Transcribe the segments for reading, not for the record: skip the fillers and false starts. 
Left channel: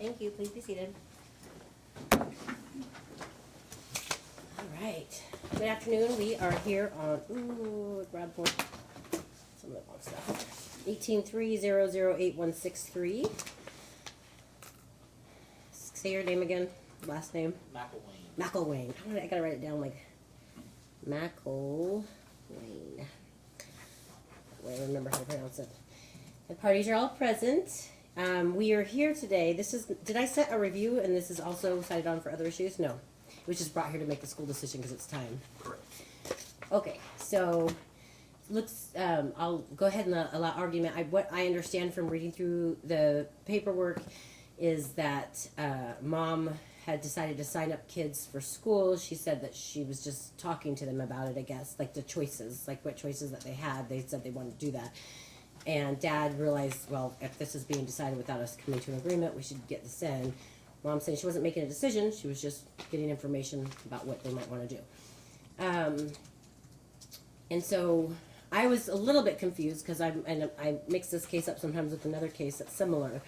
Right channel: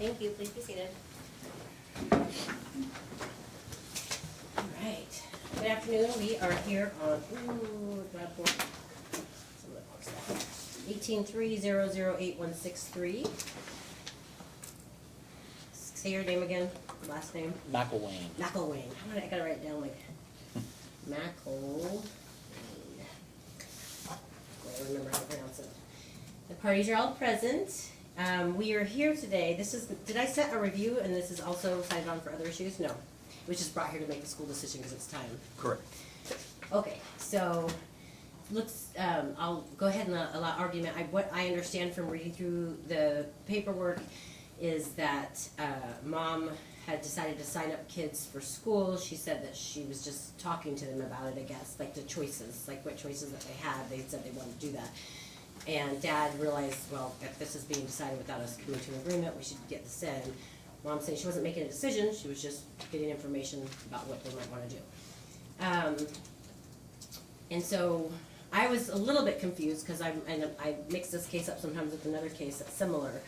Thank you. Please be seated. All right. Good afternoon. We are here on, grab for some of the box stuff. 18300816 Say your name again, last name. Mcilwain. Mcilwain. I gotta write it down like Mcilwain. I remember how to pronounce it. The parties are all present. We are here today. Did I set a review and this is also cited on for other issues? No. It was just brought here to make the school decision because it's time. Correct. Okay, so I'll go ahead and allow argument. What I understand from reading through the paperwork is that mom had decided to sign up kids for school. She said that she was just talking to them about it, I guess, like the choices, like what choices that they had. They said they wanted to do that. And Dad realized, well, if this is being decided without us coming to an agreement, we should get this in. Mom saying she wasn't making a decision, she was just getting information about what they might want to do. And so I was a little bit confused because I mix this case up sometimes with another case that's similar.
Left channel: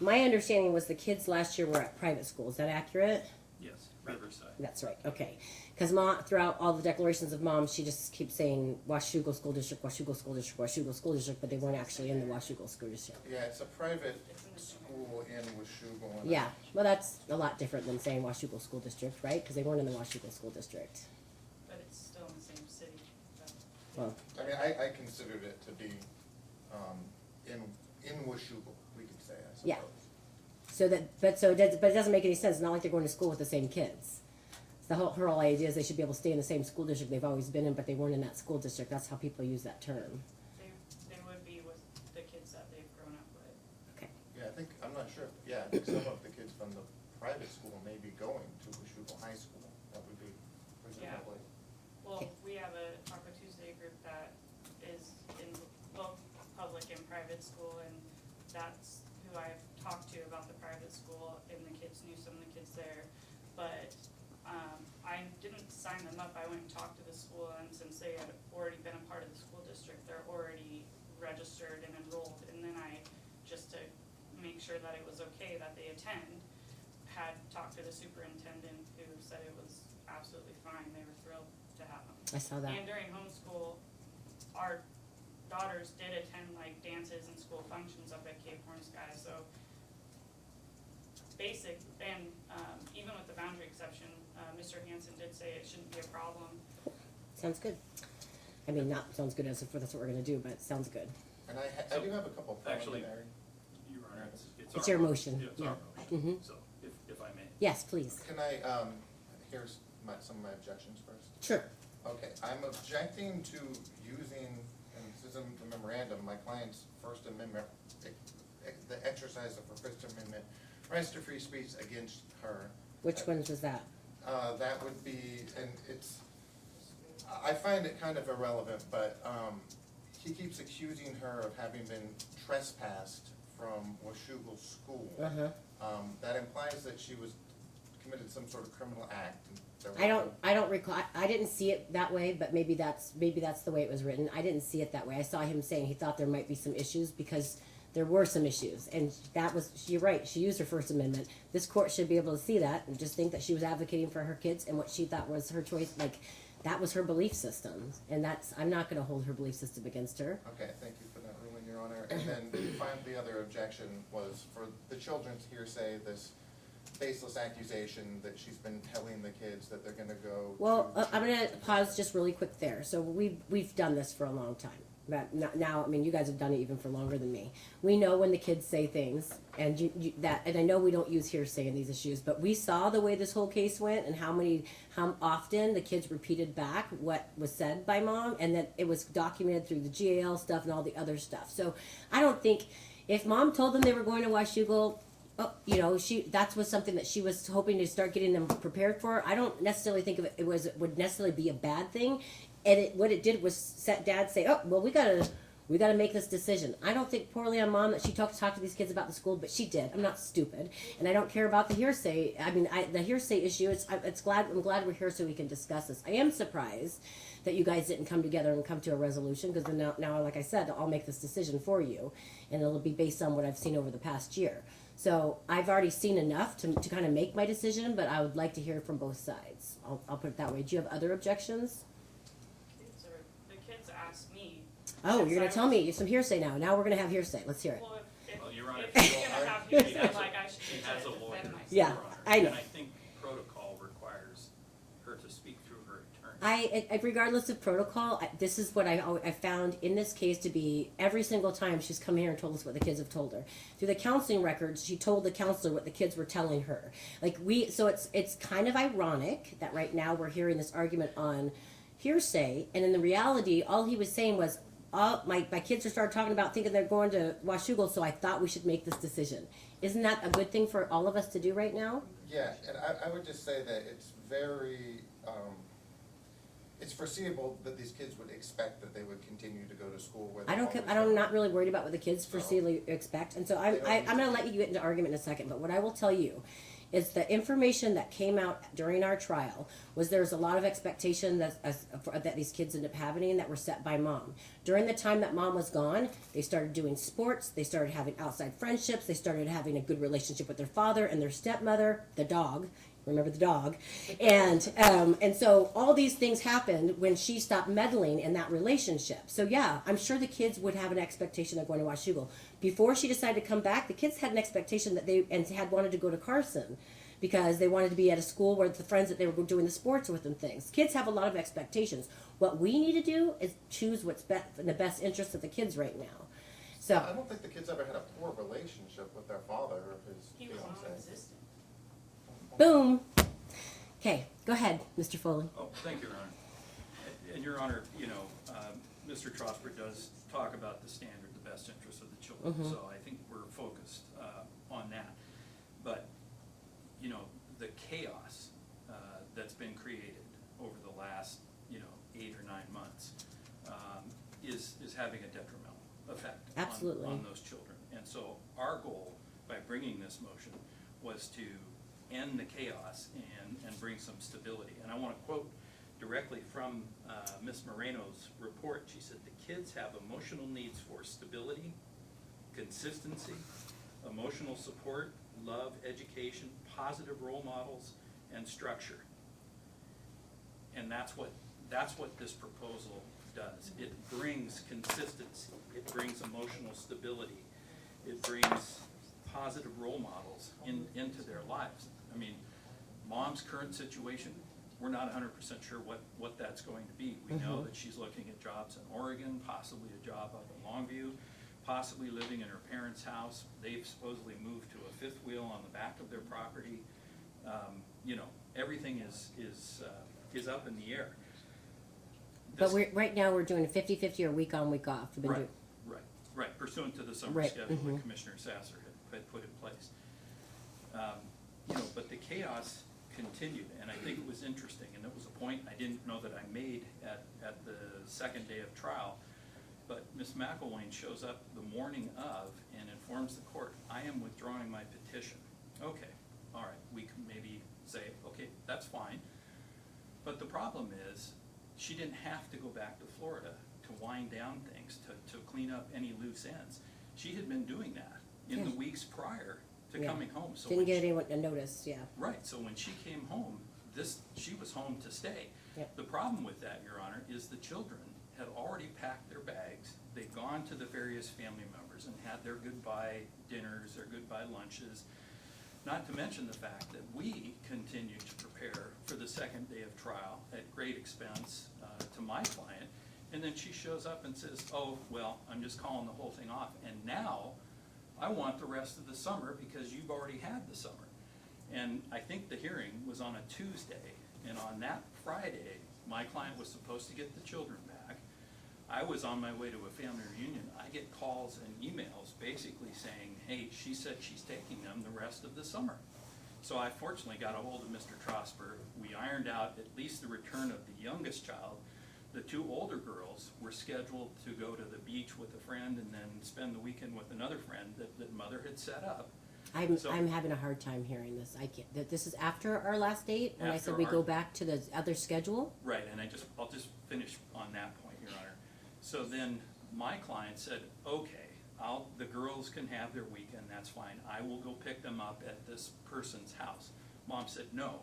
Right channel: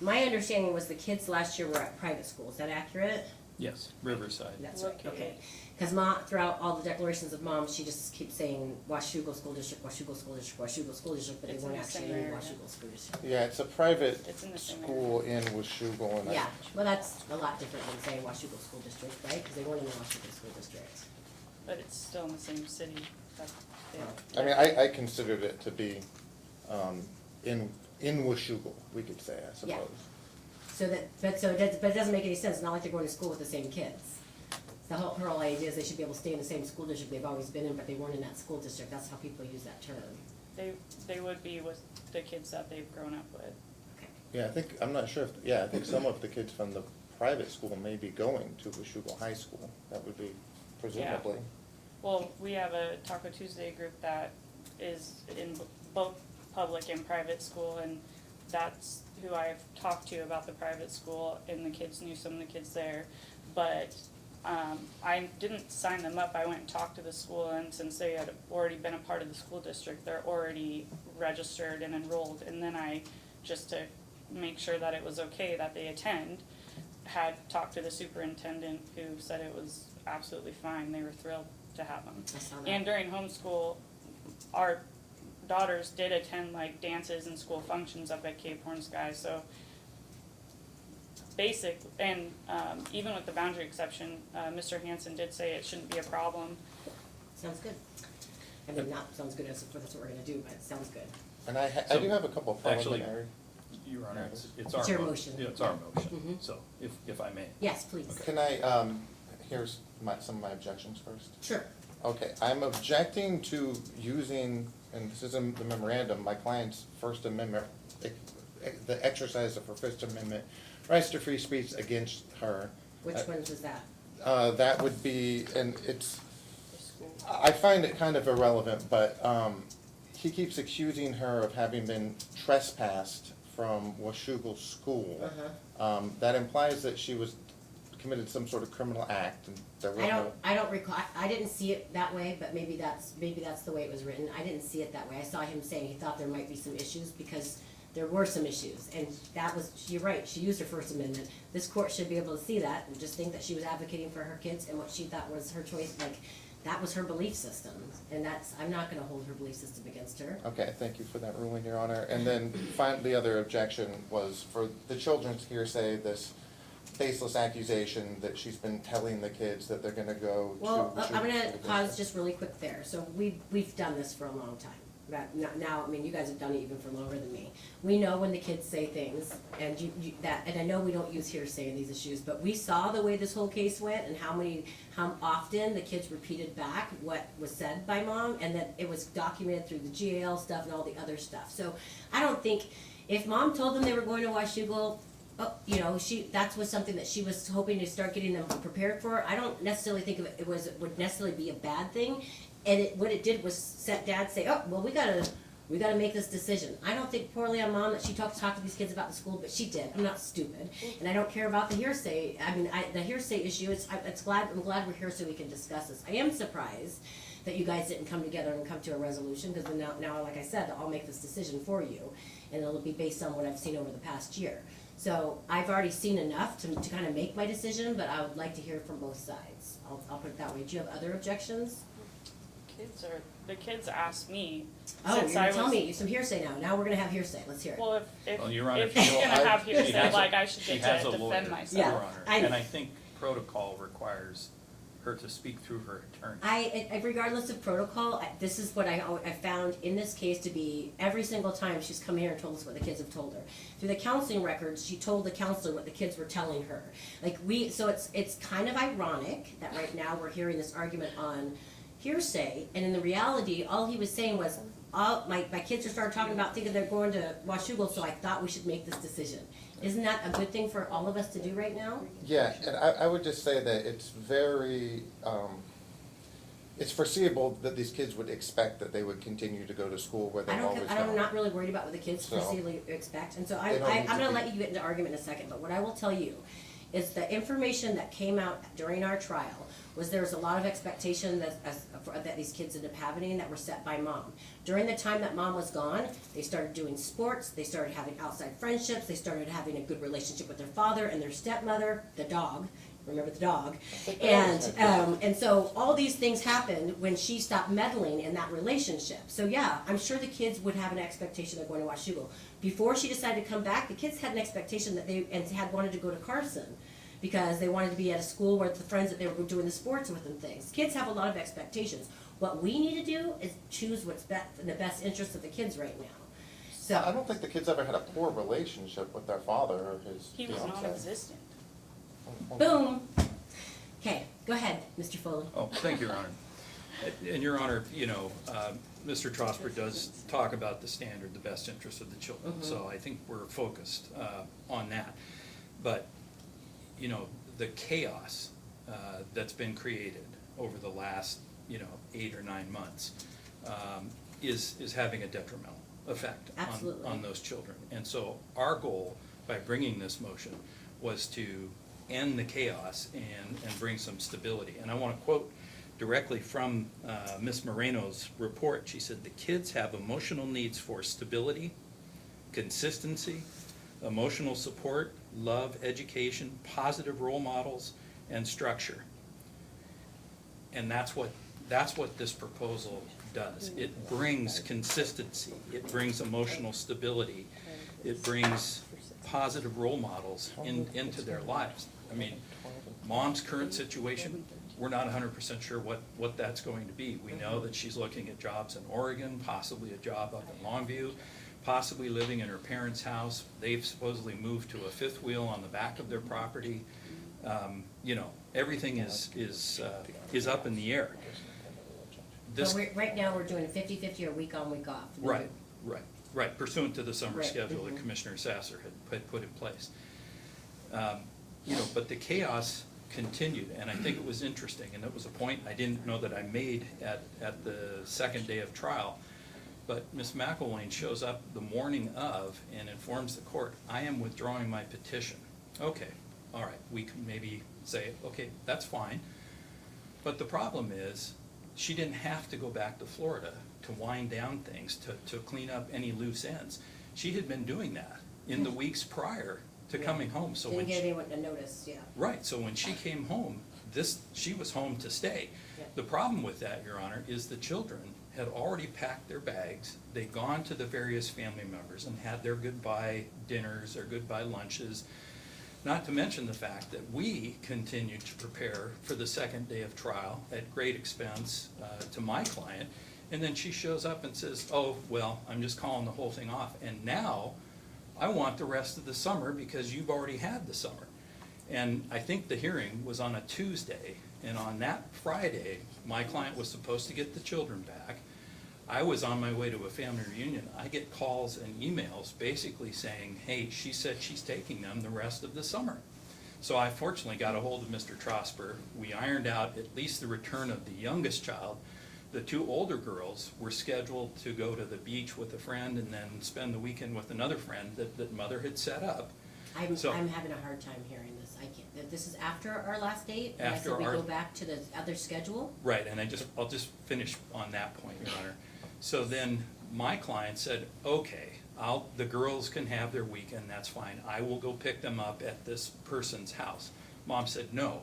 My understanding was the kids last year were at private school. Is that accurate? Yes, Riverside. That's right, okay. Because Mom, throughout all the declarations of Mom, she just keeps saying Washougal School District, Washougal School District, Washougal School District, but they weren't actually in the Washougal School District. Yeah, it's a private It's in the same school in Washougal. and Yeah, well, that's a lot different than saying Washougal School District, right? Because they weren't in the Washougal School District. But it's still in the same city. Well, I mean, I considered it to be in Washougal, we could say, I suppose. Yeah. But it doesn't make any sense. It's not like they're going to school with the same kids. Her whole idea is they should be able to stay in the same school district they've always been in, but they weren't in that school district. That's how people use that term. They would be with the kids that they've grown up with. Okay. Yeah, I'm not sure I think some of the kids from the private school may be going to Washougal High School. That would be presumably. Well, we have a Taco Tuesday group that is in both public and private school, and that's who I've talked to about the private school, and the kids knew some of the kids there. But I didn't sign them up. I went and talked to the school, and since they had already been a part of the school district, they're already registered and enrolled. And then I, just to make sure that it was okay that they attend, had talked to the superintendent, who said it was absolutely fine. They were thrilled to have them. I saw that. And during homeschool, our daughters did attend like dances and school functions up at Cape Horn Sky, so basic, and even with the boundary exception, Mr. Hansen did say it shouldn't be a problem. Sounds good. I mean, not sounds good as if that's what we're going to do, but it sounds good. And I do have a couple of Actually, preliminary. Your Honor, it's It's our your motion. Yeah, it's our motion, Mhm. so if I may. Yes, please. Can I, here's some of my objections first. Sure. Okay, I'm objecting to using, and this is in the memorandum, my client's First Amendment, the exercise of her First Amendment rights to free speech against her. Which ones was that? That would be, and I find it kind of irrelevant, but he keeps accusing her of having been trespassed from Washougal School. That implies that she was committed some sort of criminal act. And I don't recall. I didn't see it that way, but maybe that's the way it was written. I didn't see it that way. I saw him saying he thought there might be some issues because there were some issues, and that was, you're right, she used her First Amendment. This court should be able to see that and just think that she was advocating for her kids and what she thought was her choice, like, that was her belief system, and I'm not gonna hold her belief system against her. Okay, thank you for that ruling, Your Honor. And then the other objection was for the children's hearsay, this baseless accusation that she's been telling the kids that they're gonna go to. Well, I'm gonna pause just really quick there. So we've done this for a long time. But now, I mean, you guys have done it even for longer than me. We know when the kids say things, and and I know we don't use hearsay in these issues, but we saw the way this whole case went and how often the kids repeated back what was said by Mom, and that it was documented through the GAL stuff and all the other stuff. So I don't think, if Mom told them they were going to Washougal, that was something that she was hoping to start getting them prepared for. I don't necessarily think of it would necessarily be a bad thing. And what it did was set Dad say, oh, well, we gotta We gotta make this decision. I don't think poorly on Mom that she talked to these kids about the school, but she did. I'm not stupid. And I don't care about the hearsay. I mean, the hearsay issue, I'm glad we're here so we can discuss this. I am surprised that you guys didn't come together and come to a resolution, because now, like I said, I'll make this decision for you, and it'll be based on what I've seen over the past year. So I've already seen enough to kind of make my decision, but I would like to hear from both sides. I'll put it that way. Do you have other objections? The kids ask me. Oh, since you're gonna I tell was- me some hearsay now. Now we're gonna have hearsay. Let's hear it. Well, if Well, Your Honor, if you're gonna have hearsay, has a- like, I should she get has to a defend lawyer, myself. Yeah, Your Honor, I- and I think protocol requires her to speak through her attorney. Regardless of protocol, this is what I found in this case to be every single time she's come here and told us what the kids have told her. Through the counseling records, she told the counselor what the kids were telling her. So it's kind of ironic that right now we're hearing this argument on hearsay, and in the reality, all he was saying was, my kids are started talking about thinking they're going to Washougal, so I thought we should make this decision. Isn't that a good thing for all of us to do right now? Yeah, and I would just say that it's very, it's foreseeable that these kids would expect that they would continue to go to school where they've always gone. I'm not really worried about what the kids So, foreseeably expect, and so they don't need I'm to gonna be- let you get into argument in a second, but what I will tell you is the information that came out during our trial was there was a lot of expectation that these kids ended up having that were set by Mom. During the time that Mom was gone, they started doing sports, they started having outside friendships, they started having a good relationship with their father and their stepmother, the dog. Remember the dog, and so all these things happened when she stopped meddling in that relationship. So yeah, I'm sure the kids would have an expectation of going to Washougal. Before she decided to come back, the kids had an expectation that had wanted to go to Carson because they wanted to be at a school where the friends that they were doing the sports with and things. Kids have a lot of expectations. What we need to do is choose what's in the best interest of the kids right now. I So don't think the kids ever had a poor relationship with their father or his He was fiancée. non-existent. boom. Okay, go ahead, Mr. Foley. Oh, thank you, Your Honor. And Your Honor, Mr. Trosper does talk about the standard, the best interest of the children, so I think we're focused on that. But, the chaos that's been created over the last, 8 or 9 months is having a detrimental effect Absolutely. on those children. And so our goal by bringing this motion was to end the chaos and bring some stability. And I want to quote directly from Ms. Moreno's report. She said, "The kids have emotional needs for stability, consistency, emotional support, love, education, positive role models, and structure." And that's what this proposal does. It brings consistency, it brings emotional stability, it brings positive role models into their lives. I mean, Mom's current situation, we're not 100% sure what that's going to be. We know that she's looking at jobs in Oregon, possibly a job up in Longview, possibly living in her parents' house. They've supposedly moved to a fifth wheel on the back of their property. Everything is up in the air. But right now, we're doing a 50-50 or week on, week off. Right, pursuant to the summer Right, schedule that Commissioner Sasser had put in place. But the chaos continued, and I think it was interesting, and it was a point I didn't know that I made at the second day of trial. But Ms. Mcilwain shows up the morning of and informs the court, "I am withdrawing my petition." Okay, all right, we can maybe say, okay, that's fine. But the problem is, she didn't have to go back to Florida to wind down things, to clean up any loose ends. She had been doing that in the weeks prior to coming home. So Didn't when get she- anyone to notice, yeah. Right, so when she came home, she was home to stay. Yep. The problem with that, Your Honor, is the children had already packed their bags. They'd gone to the various family members and had their goodbye dinners or goodbye lunches. Not to mention the fact that we continued to prepare for the second day of trial at great expense to my client. And then she shows up and says, "Oh, well, I'm just calling the whole thing off. And now I want the rest of the summer because you've already had the summer." And I think the hearing was on a Tuesday. And on that Friday, my client was supposed to get the children back. I was on my way to a family reunion. I get calls and emails basically saying, "Hey, she said she's taking them the rest of the summer." So I fortunately got a hold of Mr. Trosper. We ironed out at least the return of the youngest child, The two older girls were scheduled to go to the beach with a friend and then spend the weekend with another friend that mother had set up. So- I'm having a hard time hearing this. I can't, that this is after our last date, and I After said we our- go back to the other schedule? Right, and I'll just finish on that point, Your Honor. So then my client said, okay, the girls can have their weekend, that's fine. I will go pick them up at this person's house. Mom said, no,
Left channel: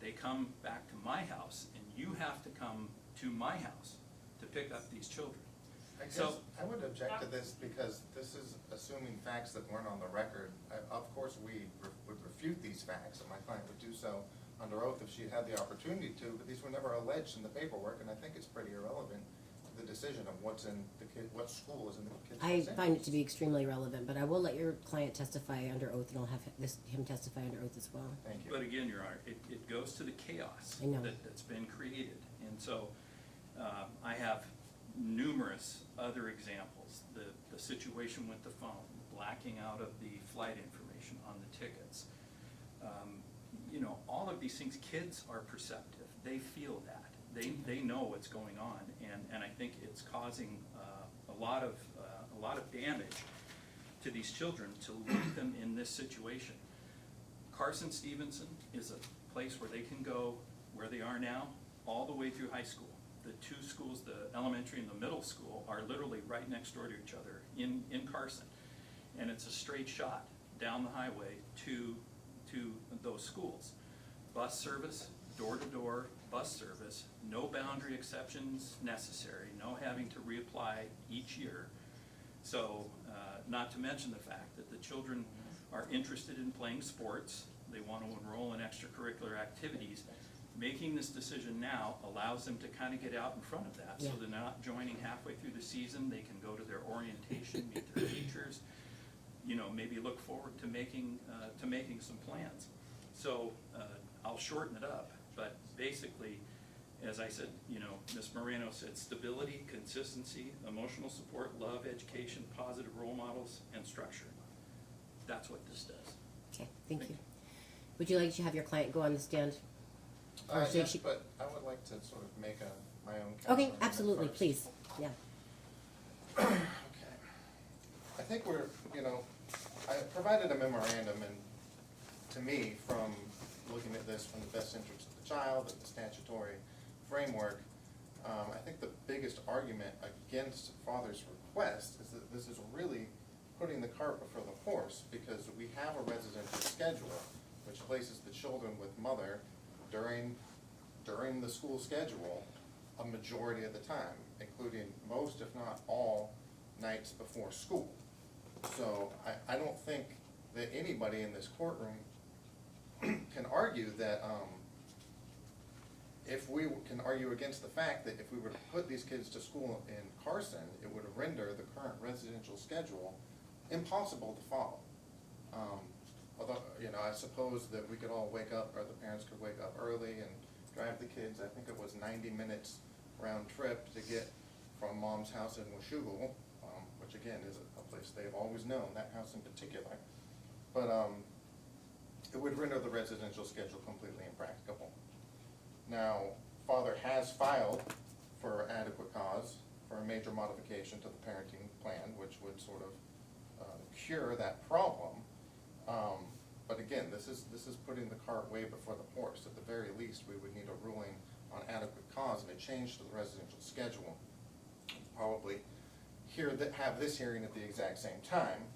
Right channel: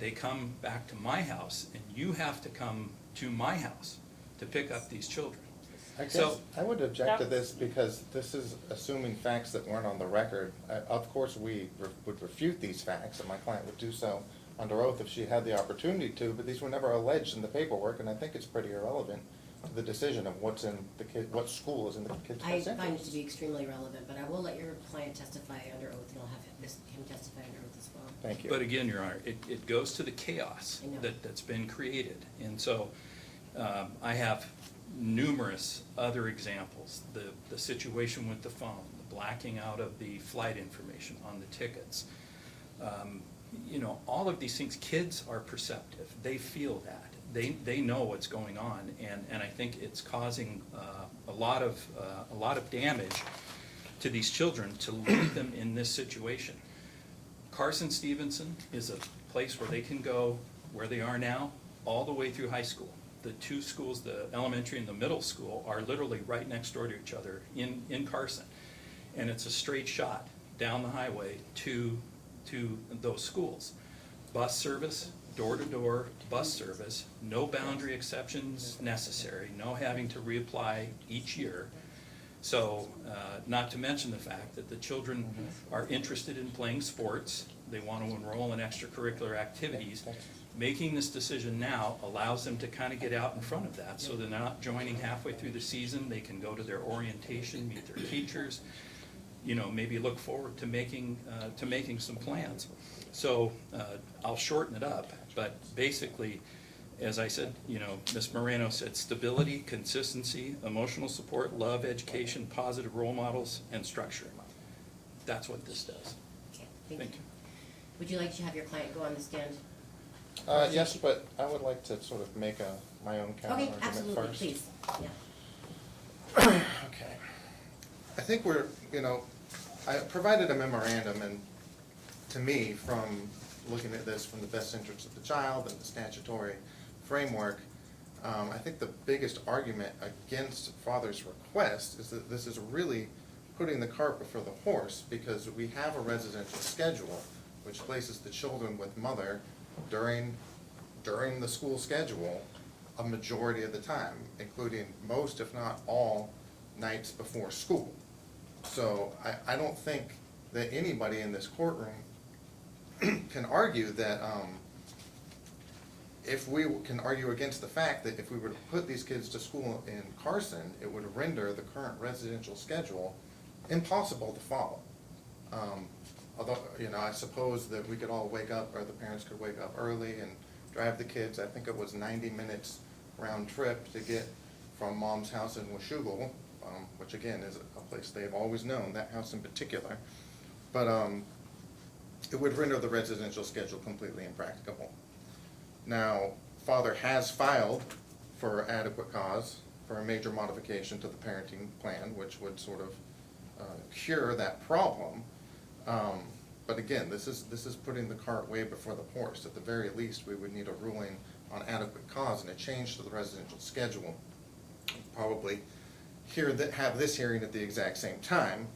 they come back to my house and you have to come to my house to pick up these children. I guess So- I would object to this because this is assuming facts that weren't on the record. Of course, we would refute these facts, and my client would do so under oath if she had the opportunity to, but these were never alleged in the paperwork, and I think it's pretty irrelevant to the decision of what school is in the kid's I best find it interest. to be extremely relevant, but I will let your client testify under oath, and I'll have him testify under oath as well. Thank you. But again, Your Honor, it goes to the chaos I know. that's been created. And so I have numerous other examples. The situation with the phone, the blacking out of the flight information on the tickets. You know, all of these things, kids are perceptive. They feel that. They know what's going on, and I think it's causing a lot of damage to these children to leave them in this situation. Carson Stevenson is a place where they can go, where they are now, all the way through high school. The two schools, the elementary and the middle school, are literally right next door to each other in Carson. And it's a straight shot down the highway to those schools. Bus service, door-to-door bus service, no boundary exceptions necessary, no having to reapply each year. So, not to mention the fact that the children are interested in playing sports, they want to enroll in extracurricular activities. Making this decision now allows them to kind of get out in front of that, so they're not joining halfway through the season. They can go to their orientation, meet their teachers, you know, maybe look forward to making some plans. So I'll shorten it up, but basically, as I said, you know, Ms. Moreno said stability, consistency, emotional support, love, education, positive role models, and structure. That's what this does. Okay, thank you. Thank you. Would you like to have your client go on the stand? Yes, but I would like to sort of make my own counter Okay, argument absolutely, first. please, yeah. Okay. I think I provided a memorandum, and to me, from looking at this from the best interest of the child and the statutory framework, I think the biggest argument against father's request is that this is really putting the cart before the horse, because we have a residential schedule which places the children with mother during the school schedule a majority of the time, including most, if not all, nights before school. So I don't think that anybody in this courtroom can argue that, if we can argue against the fact that if we were to put these kids to school in Carson, it would render the current residential schedule impossible to follow. Although, you know, I suppose that we could all wake up, or the parents could wake up early and drive the kids. I think it was 90 minutes round trip to get from mom's house in Washougal, which again is a place they've always known, that house in particular. But it would render the residential schedule completely impracticable. Now, father has filed for adequate cause for a major modification to the parenting plan, which would sort of cure that problem. But again, this is putting the cart way before the horse. At the very least, we would need a ruling on adequate cause and a change to the residential schedule. Probably have this hearing at the exact same time.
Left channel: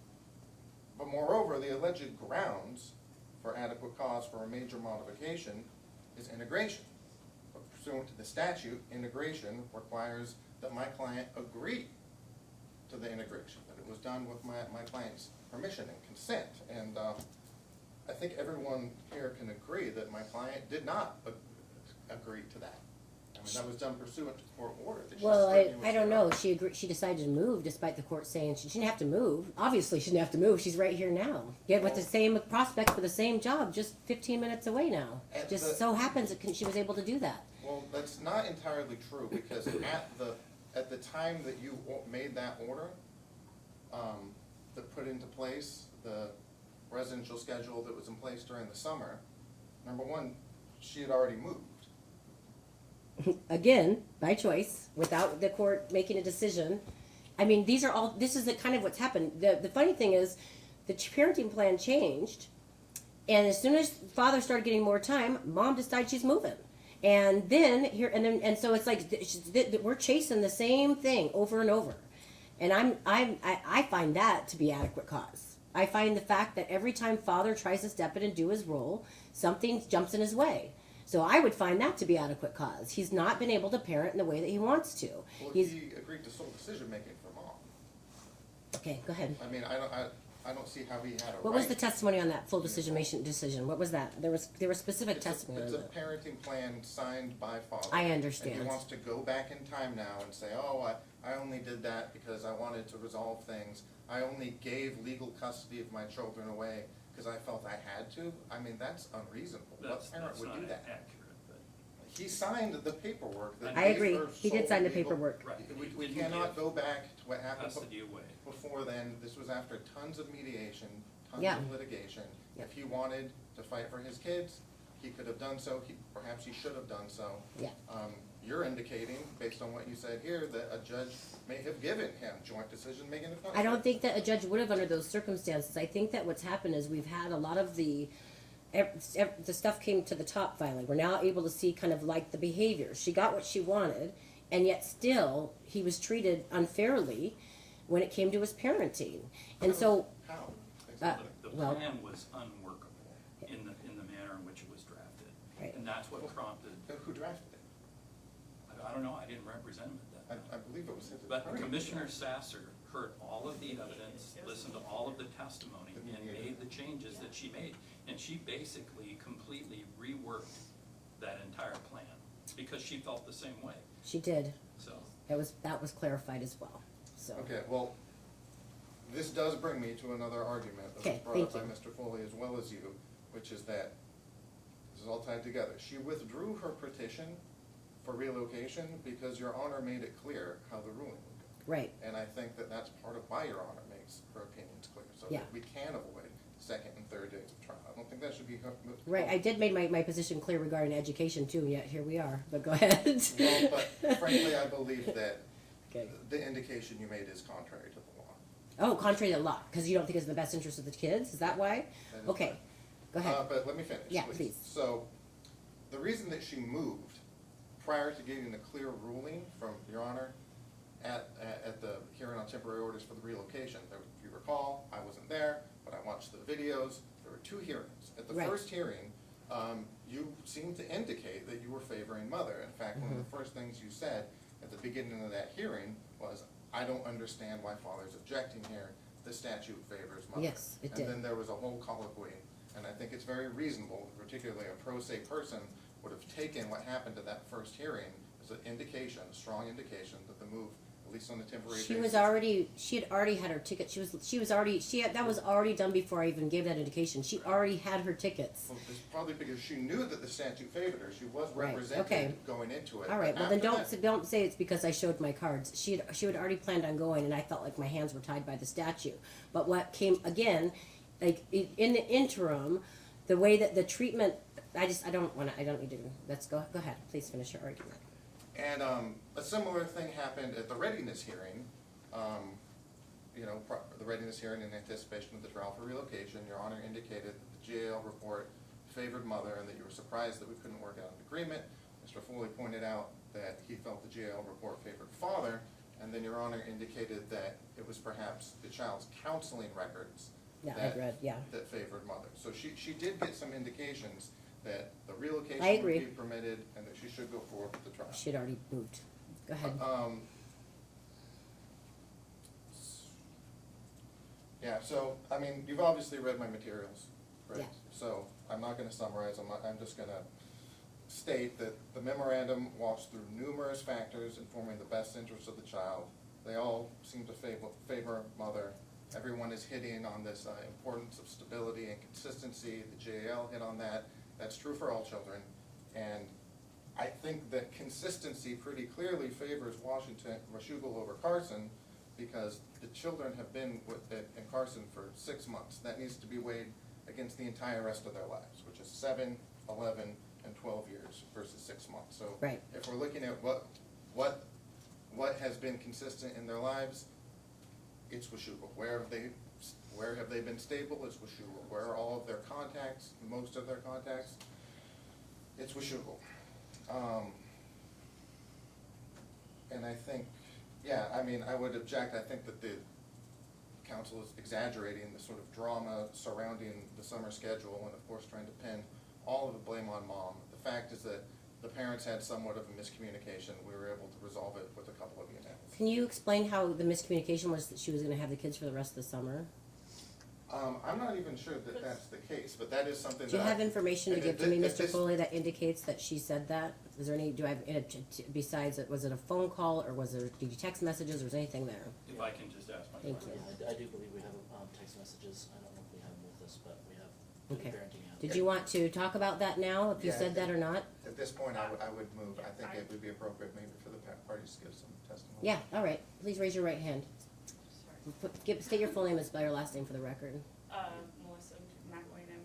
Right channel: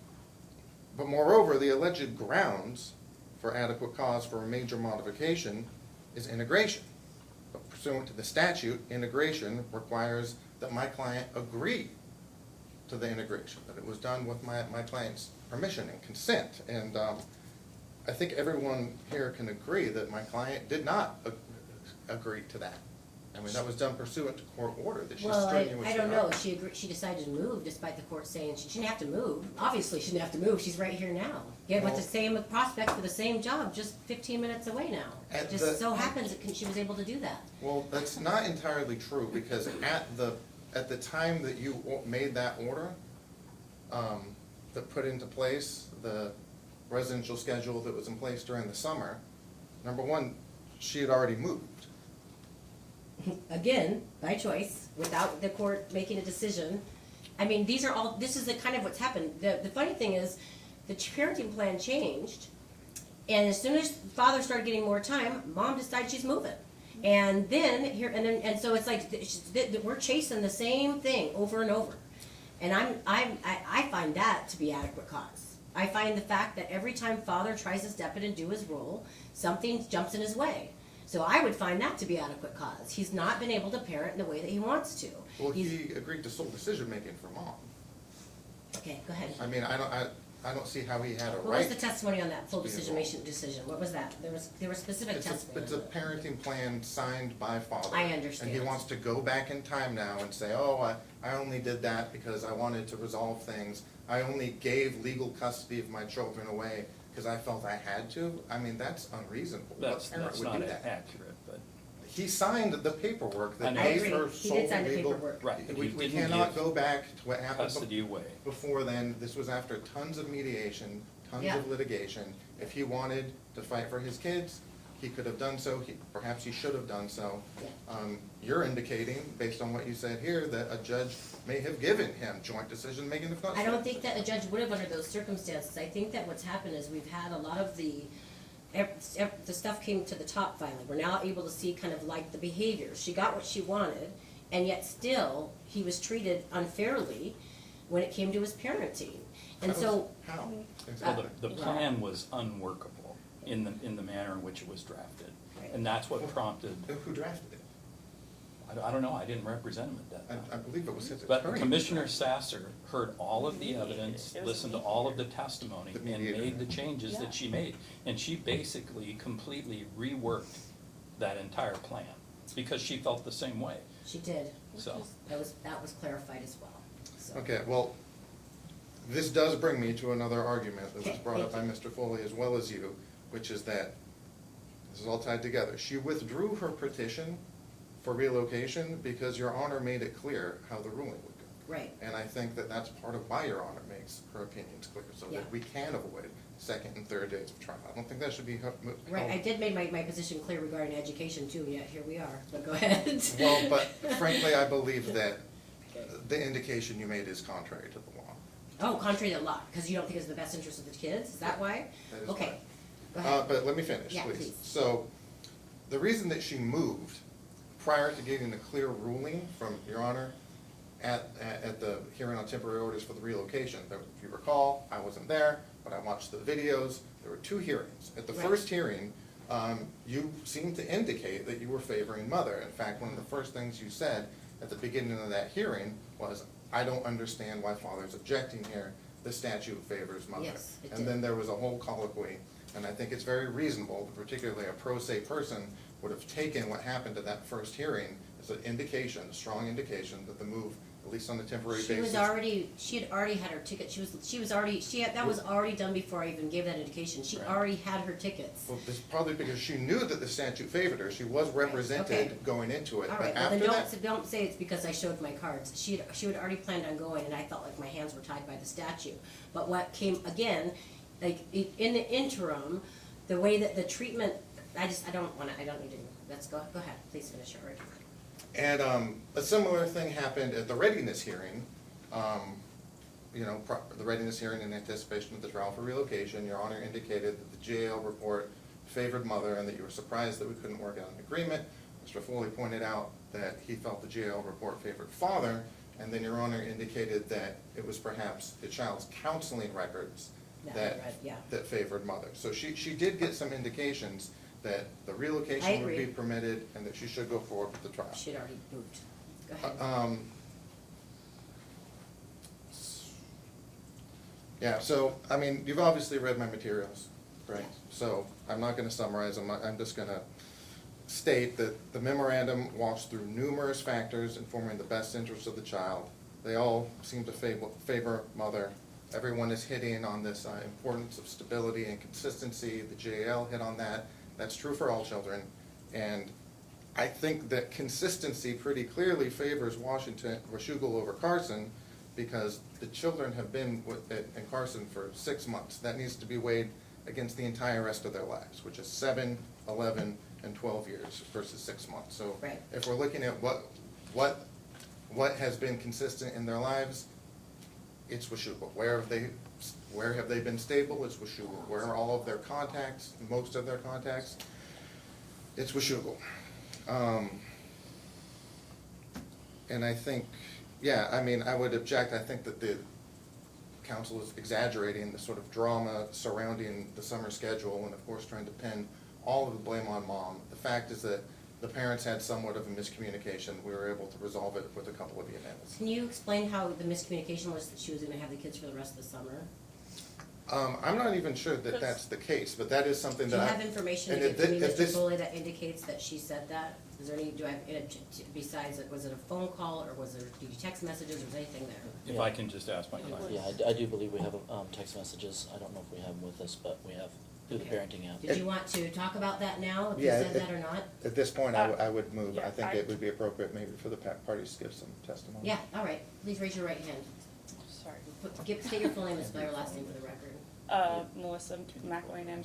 But moreover, the alleged grounds for adequate cause for a major modification is integration. But pursuant to the statute, integration requires that my client agree to the integration, that it was done with my client's permission and consent. And I think everyone here can agree that my client did not agree to that. I mean, that was done pursuant to court order that she Well, strenuously. I don't know, she decided to move despite the court saying she didn't have to move. Obviously, she didn't have to move, she's right here now. Yeah, with the same prospect for the same job, just 15 minutes away now. At Just the- so happens that she was able to do that. Well, that's not entirely true, because at the time that you made that order, that put into place the residential schedule that was in place during the summer, number one, she had already moved. again, by choice, without the court making a decision. I mean, this is the kind of what's happened. The funny thing is, the parenting plan changed, and as soon as father started getting more time, mom decided she's moving. And then so it's like we're chasing the same thing over and over. And I find that to be adequate cause. I find the fact that every time father tries to step in and do his role, something jumps in his way. So I would find that to be adequate cause. He's not been able to parent in the way that he wants to. Well, he agreed to sole decision making for mom. Okay, go ahead. I mean, I don't see how he had a right. What was the testimony on that full decision? What was that? There was specific testimony. It's a parenting plan signed by father. I understand. And he wants to go back in time now and say, oh, I only did that because I wanted to resolve things. I only gave legal custody of my children away because I felt I had to. I mean, that's unreasonable. That's What parent would not do that? accurate, but. He signed the paperwork that I gave agree. her He did sole sign the legal- paperwork. Right, but We he didn't cannot give go back to what happened custody away. before then. This was after tons of mediation, tons Yeah. of litigation. If he wanted to fight for his kids, he could have done so. Perhaps he should have done so. Yeah. You're indicating, based on what you said here, that a judge may have given him joint decision-making of custody. I don't think that a judge would have under those circumstances. I think that what's happened is we've had a lot of the stuff came to the top finally. We're now able to see kind of like the behavior. She got what she wanted, and yet still he was treated unfairly when it came to his parenting. And so, How? Well, the well- plan was unworkable in the manner in which it was drafted. Right. And that's what prompted, Who drafted it? I don't know, I didn't represent him at that I time. believe it was his But attorney. Commissioner Sasser heard all of the evidence, listened to all of the testimony, The and mediator. made the changes Yeah. that she made. And she basically completely reworked that entire plan, because she felt the same way, she did. so. That was clarified as well. So. Okay, well, this does bring me to another argument that was Okay, brought up by thank Mr. Foley as well as you, which is that, this is all tied together. She withdrew her petition for relocation because Your Honor made it clear how the ruling would go. Right. And I think that that's part of why Your Honor makes her opinions clear, so Yeah. that we can avoid second and third days of trial. I don't think that should be. Right. I did make my position clear regarding education too, and yet here we are. But go ahead. Well, but frankly, I believe that Okay. the indication you made is contrary to the law. Oh, contrary to law, because you don't think it's in the best interest of the kids? Is that why? That is Okay. correct. Go ahead. But let me finish, Yeah, please. please. So, the reason that she moved prior to getting a clear ruling from Your Honor at the hearing on temporary orders for the relocation, if you recall, I wasn't there, but I watched the videos. There were two hearings. At the Right. first hearing, you seemed to indicate that you were favoring mother. In fact, one of the first things you said at the beginning of that hearing was, I don't understand why father's objecting here. The statute favors mother. Yes, it did. And then there was a whole colloquy, and I think it's very reasonable, particularly a pro se person would have taken what happened at that first hearing as an indication, a strong indication that the move, at least on a temporary basis. She had already had her ticket. That was already done before I even gave that indication. She Right. already had her tickets. Well, it's probably because she knew that the statute favored her. She was represented okay. going into it. All right, But well then after that- don't say it's because I showed my cards. She had already planned on going, and I felt like my hands were tied by the statute. But what came again, like in the interim, the way that the treatment, I don't need to. Let's go ahead. Please finish your argument. And a similar thing happened at the readiness hearing. The readiness hearing in anticipation of the trial for relocation. Your Honor indicated that the GAL report favored mother and that you were surprised that we couldn't work out an agreement. Mr. Foley pointed out that he felt the GAL report favored father, and then Your Honor indicated that it was perhaps the child's counseling records Yeah, I that read, yeah. that favored mother. So she did get some indications that the I relocation would agree. be permitted and that she should go forward with the trial. She had already moved. Go ahead. Yeah, so, I mean, you've obviously read my materials, right? Yeah. So, I'm not gonna summarize them, I'm just gonna state that the memorandum walks through numerous factors informing the best interest of the child. They all seem to favor mother. Everyone is hitting on this importance of stability and consistency. The JAL hit on that. That's true for all children. And I think that consistency pretty clearly favors Washougal over Carson, because the children have been in Carson for 6 months. That needs to be weighed against the entire rest of their lives, which is 7, 11, and and 12 years versus 6 months. So Right. if we're looking at what has been consistent in their lives, it's Washougal. Where have they been stable? It's Washougal. Where are all of their contacts, most of their contacts? It's Washougal. And I think, yeah, I mean, I would object. I think that the council is exaggerating the sort of drama surrounding the summer schedule and of course trying to pin all of the blame on mom. The fact is that the parents had somewhat of a miscommunication. We were able to resolve it with a couple of events. Can you explain how the miscommunication was that she was gonna have the kids for the rest of the summer? I'm not even sure that that's the case, but that is something Do you that have information to and give to me, if Mr. this- Foley, that indicates that she said that? Is there any, do I have, besides, was it a phone call, or was it, did you text messages, or was anything there? If I can just ask my question. Yeah, I do believe we have text messages. I don't know if we have them with us, but we have through the Okay. parenting app. Did you want to talk about that now, if you Yeah, said that or not? At this point, I would move. Yeah, I think I- it would be appropriate maybe for the parties to give some testimony. Yeah, all right, please raise your right hand. Sorry. State your full name and spell your last name for the record. Melissa Mcilwain, McIlwain.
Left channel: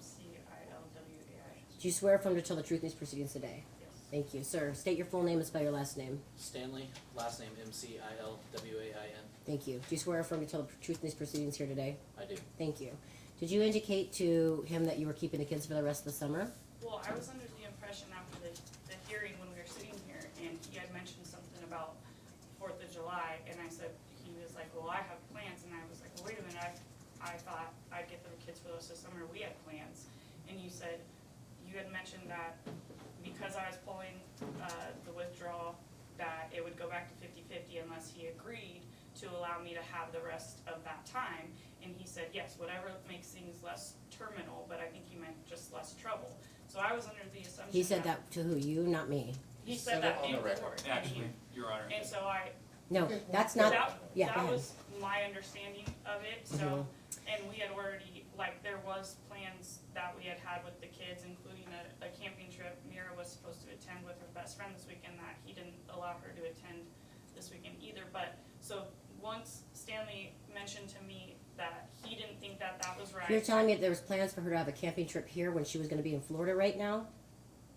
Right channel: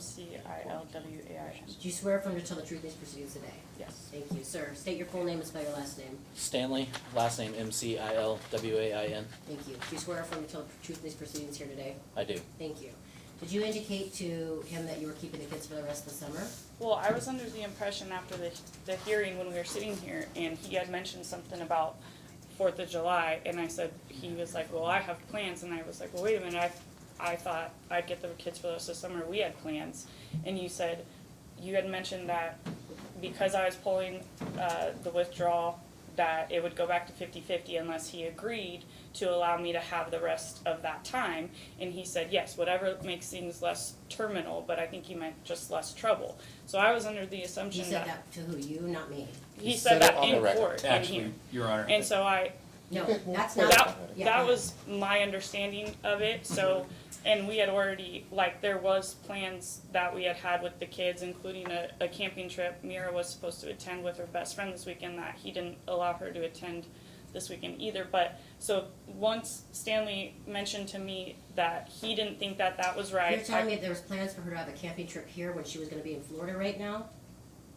Do you swear affirm to tell the truth in these proceedings today? Yes. Thank you, sir. State your full name and spell your last name. Stanley, last name Mcilwain. Thank you. Do you swear affirm to tell the truth in these proceedings here today? I do. Thank you. Did you indicate to him that you were keeping the kids for the rest of the summer? Well, I was under the impression after the hearing when we were sitting here and he had mentioned something about 4th of July and I said, he was like, well, I have plans, and I was like, well, wait a minute, I thought I'd get the kids for the rest of the summer, we had plans. And you said, you had mentioned that because I was pulling the withdrawal, that it would go back to 50-50 unless he agreed to allow me to have the rest of that time. And he said, yes, whatever makes things less terminal, but I think he meant just less trouble. So I was under the assumption He said that to who? You, not me. he said said it that on the in record. court, in Actually, here. Your Honor. And so No, Okay, that's well, not, yeah. that was my understanding of it, so, and we had already, like, there was plans that we had had with the kids, including a camping trip. Mira was supposed to attend with her best friend this weekend, that he didn't allow her to attend this weekend either, but, so, once Stanley mentioned to me that he didn't think that that was right. You're telling me there was plans for her to have a camping trip here when she was gonna be in Florida right now?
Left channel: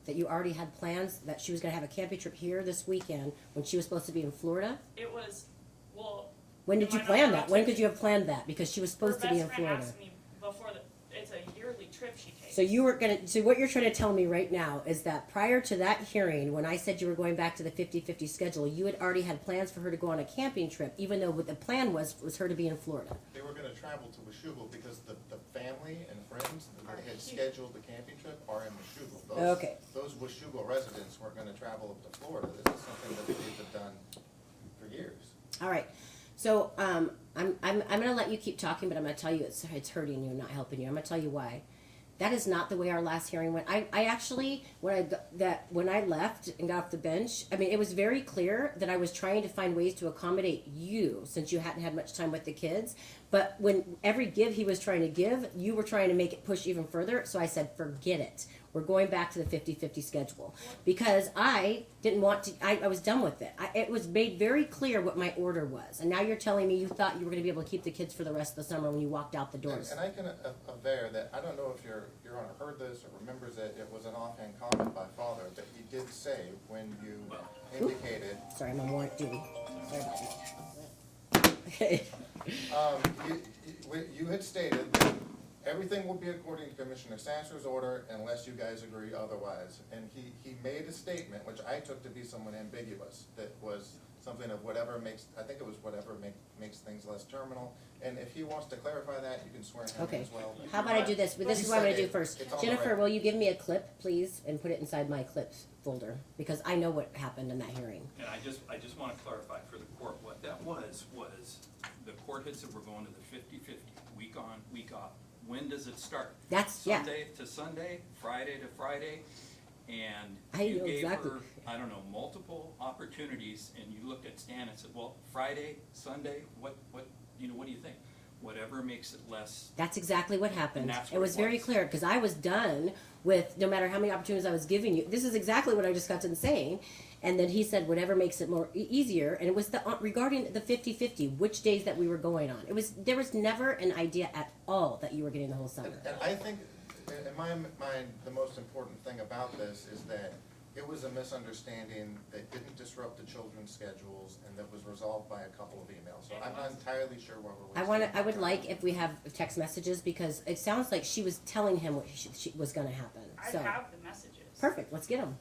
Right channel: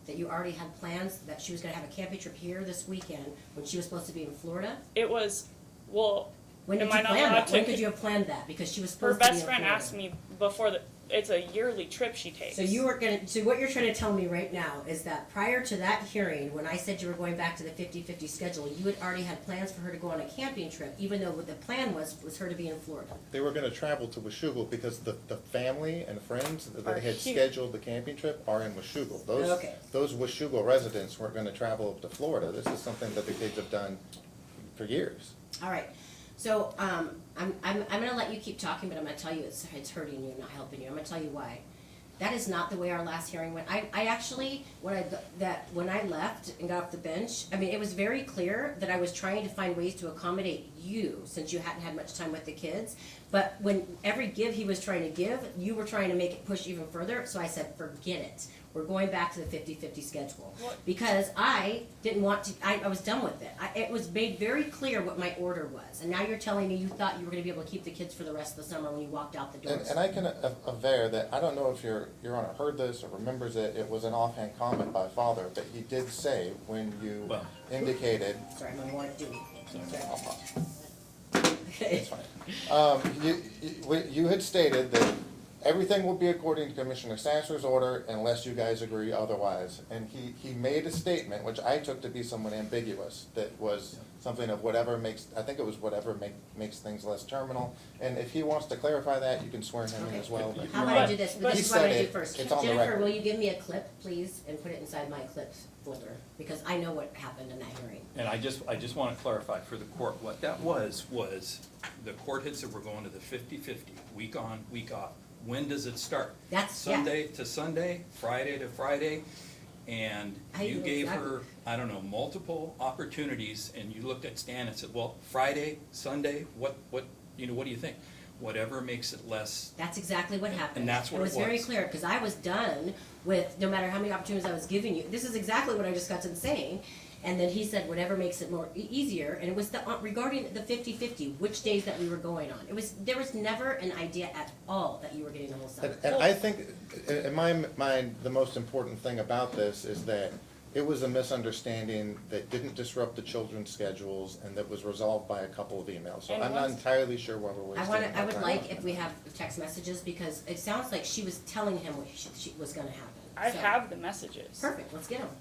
That you already had plans that she was gonna have a camping trip here this weekend when she was supposed to be in Florida? It was, well, When did Am I you not plan allowed that? When to- could you have planned that? Because she was her supposed to be best in friend Florida. asked me before it's a yearly trip she takes. So you were gonna, so what you're trying to tell me right now is that prior to that hearing, when I said you were going back to the 50-50 schedule, you had already had plans for her to go on a camping trip, even though what the plan was her to be in Florida. They were gonna travel to Washougal because the family and friends that Are had here. scheduled the camping trip are in Washougal. Okay. Those Washougal residents weren't gonna travel to Florida. This is something that the kids have done for years. All right, so, I'm gonna let you keep talking, but I'm gonna tell you it's hurting you, not helping you. I'm gonna tell you why. That is not the way our last hearing went. I actually, when I left and got off the bench, I mean, it was very clear that I was trying to find ways to accommodate you, since you hadn't had much time with the kids. But when every give he was trying to give, you were trying to make it push even further, so I said, forget it. We're going back to the 50-50 schedule. Because I didn't want to, I was done with it. It was made very clear what my order was. And now you're telling me you thought you were gonna be able to keep the kids for the rest of the summer when you walked out the doors. And I can aver that, I don't know if Your Honor heard this or remembers it, it was an offhand comment by Father, but he did say when you Well. indicated, Sorry, I'm on warrant duty. it's fine. You had stated that everything will be according to Commissioner Sasser's order unless you guys agree otherwise. And he made a statement, which I took to be somewhat ambiguous, that was something of whatever makes, I think it was whatever makes things less terminal. And if he wants to clarify that, you can swear him in Okay. as well. How about I do this? This is what I'm gonna do first. It's on the Jennifer, record. will you give me a clip, please, and put it inside my clips folder? Because I know what happened in that hearing. And I just want to clarify for the court, what that was the court had said we're going to the 50-50, week on, week off. When does it start? That's, yeah. Sunday to Sunday, Friday to Friday, and I you know gave exactly. her, I don't know, multiple opportunities, and you looked at Stan and said, well, Friday, Sunday, what do you think? Whatever makes it less, That's exactly what happened. And that's what It was it very was. clear, because I was done with, no matter how many opportunities I was giving you, this is exactly what I just got done saying. And then he said whatever makes it more easier, and it was regarding the 50-50, which days that we were going on. There was never an idea at all that you were getting the whole summer. And I think, in my mind, the most important thing about this is that it was a misunderstanding that didn't disrupt the children's schedules and that was resolved by a couple of emails. So And I'm not once- entirely sure what we're wasting. I would time like on. if we have text messages, because it sounds like she was telling him what she was gonna happen. I So, have the messages. perfect, let's get them.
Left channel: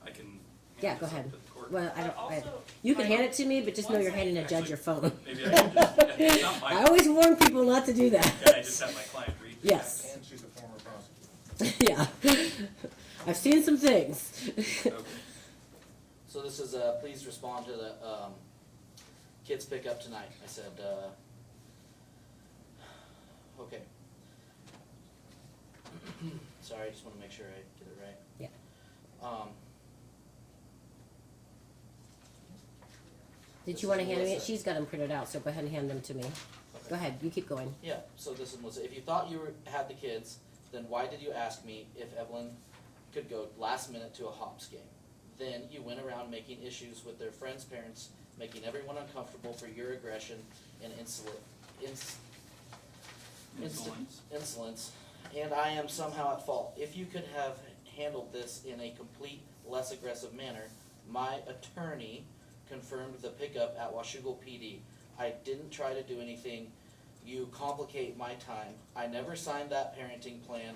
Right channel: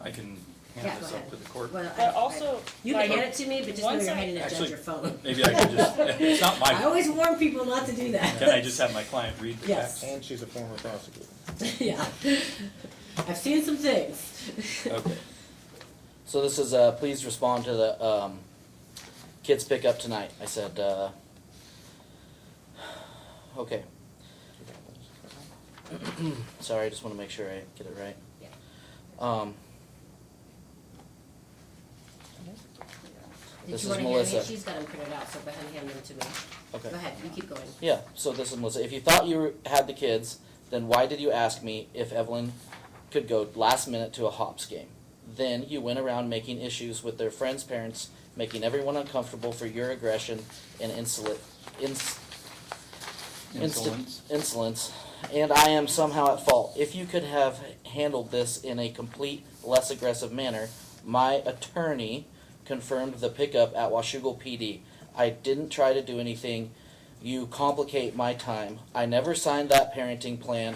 I can Yeah, hand go this ahead. up to the court. Well, But also, you can like, hand it to me, but just know once you're I- handing a judge Actually, your phone. Maybe I could just, it's not I my, always warn people not to do that. can I just have my client read the Yes. text? And she's a former prosecutor. Yeah. I've seen some things. Okay. So this is, please respond to the, kids pick up tonight. I said, okay. Sorry, I just wanna make sure I get it right. Yeah. Did This you is wanna hand me? Melissa. She's got them printed out, so go ahead and hand them to me. Okay. Go ahead, you keep going. Yeah, so this is Melissa. If you thought you had the kids, then why did you ask me if Evelyn could go last minute to a Hops game? Then you went around making issues with their friends' parents, making everyone uncomfortable for your aggression and insolence, and I am somehow at fault. If you could have handled this in a complete, less aggressive manner, my attorney confirmed the pickup at Washougal PD. I didn't try to do anything. You complicate my time. I never signed that parenting plan, !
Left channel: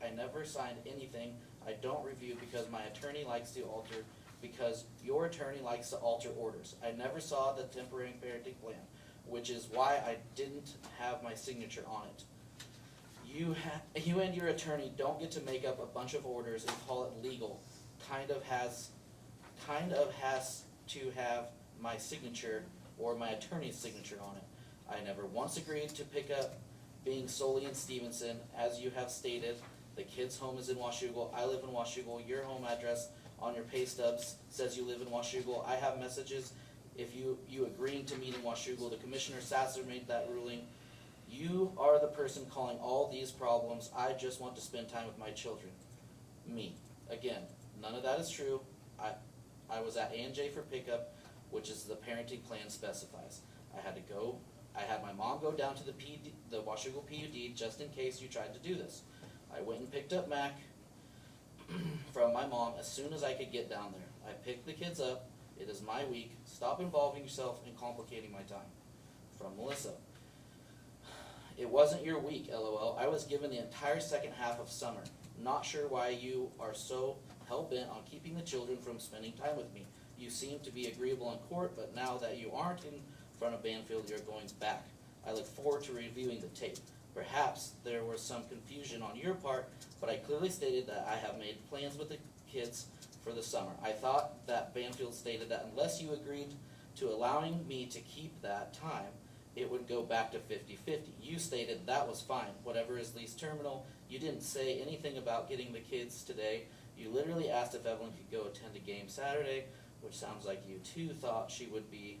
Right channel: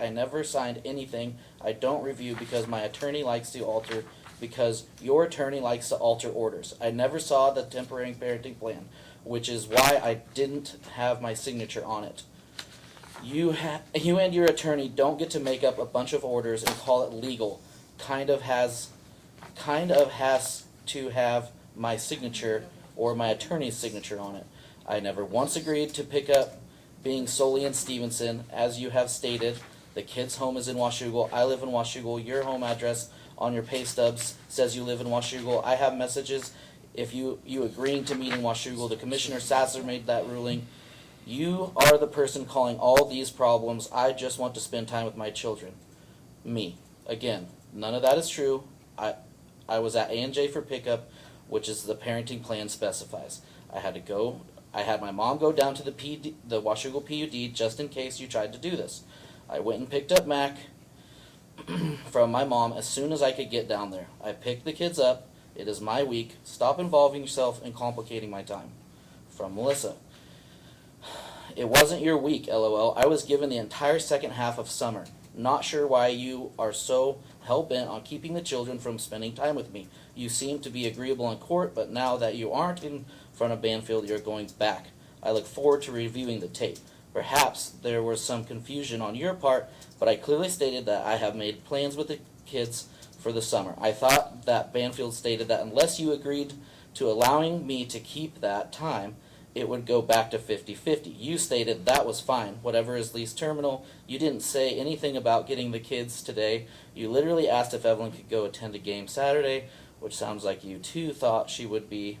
I never signed anything. I don't review because my attorney likes to alter, because your attorney likes to alter orders. I never saw the temporary parenting plan, which is why I didn't have my signature on it. You and your attorney don't get to make up a bunch of orders and call it legal. Kind of has to have my signature or my attorney's signature on it. I never once agreed to pick up being solely in Stevenson, as you have stated. The kid's home is in Washougal. I live in Washougal. Your home address on your pay stubs says you live in Washougal. I have messages if you agreeing to meet in Washougal. The Commissioner Sasser made that ruling. You are the person calling all these problems. I just want to spend time with my children. Me. Again, none of that is true. I was at A&J for pickup, which is the parenting plan specifies. I had my mom go down to the Washougal PUD just in case you tried to do this. I went and picked up Mac from my mom as soon as I could get down there. I picked the kids up. It is my week. Stop involving yourself and complicating my time. From Melissa. It wasn't your week, LOL. I was given the entire second half of summer. Not sure why you are so hell-bent on keeping the children from spending time with me. You seem to be agreeable in court, but now that you aren't in front of Banfield, you're going back. I look forward to reviewing the tape. Perhaps there was some confusion on your part, but I clearly stated that I have made plans with the kids for the summer. I thought that Banfield stated that unless you agreed to allowing me to keep that time, it would go back to 50-50. You stated that was fine, whatever is least terminal. You didn't say anything about getting the kids today. You literally asked if Evelyn could go attend a game Saturday, which sounds like you too thought she would be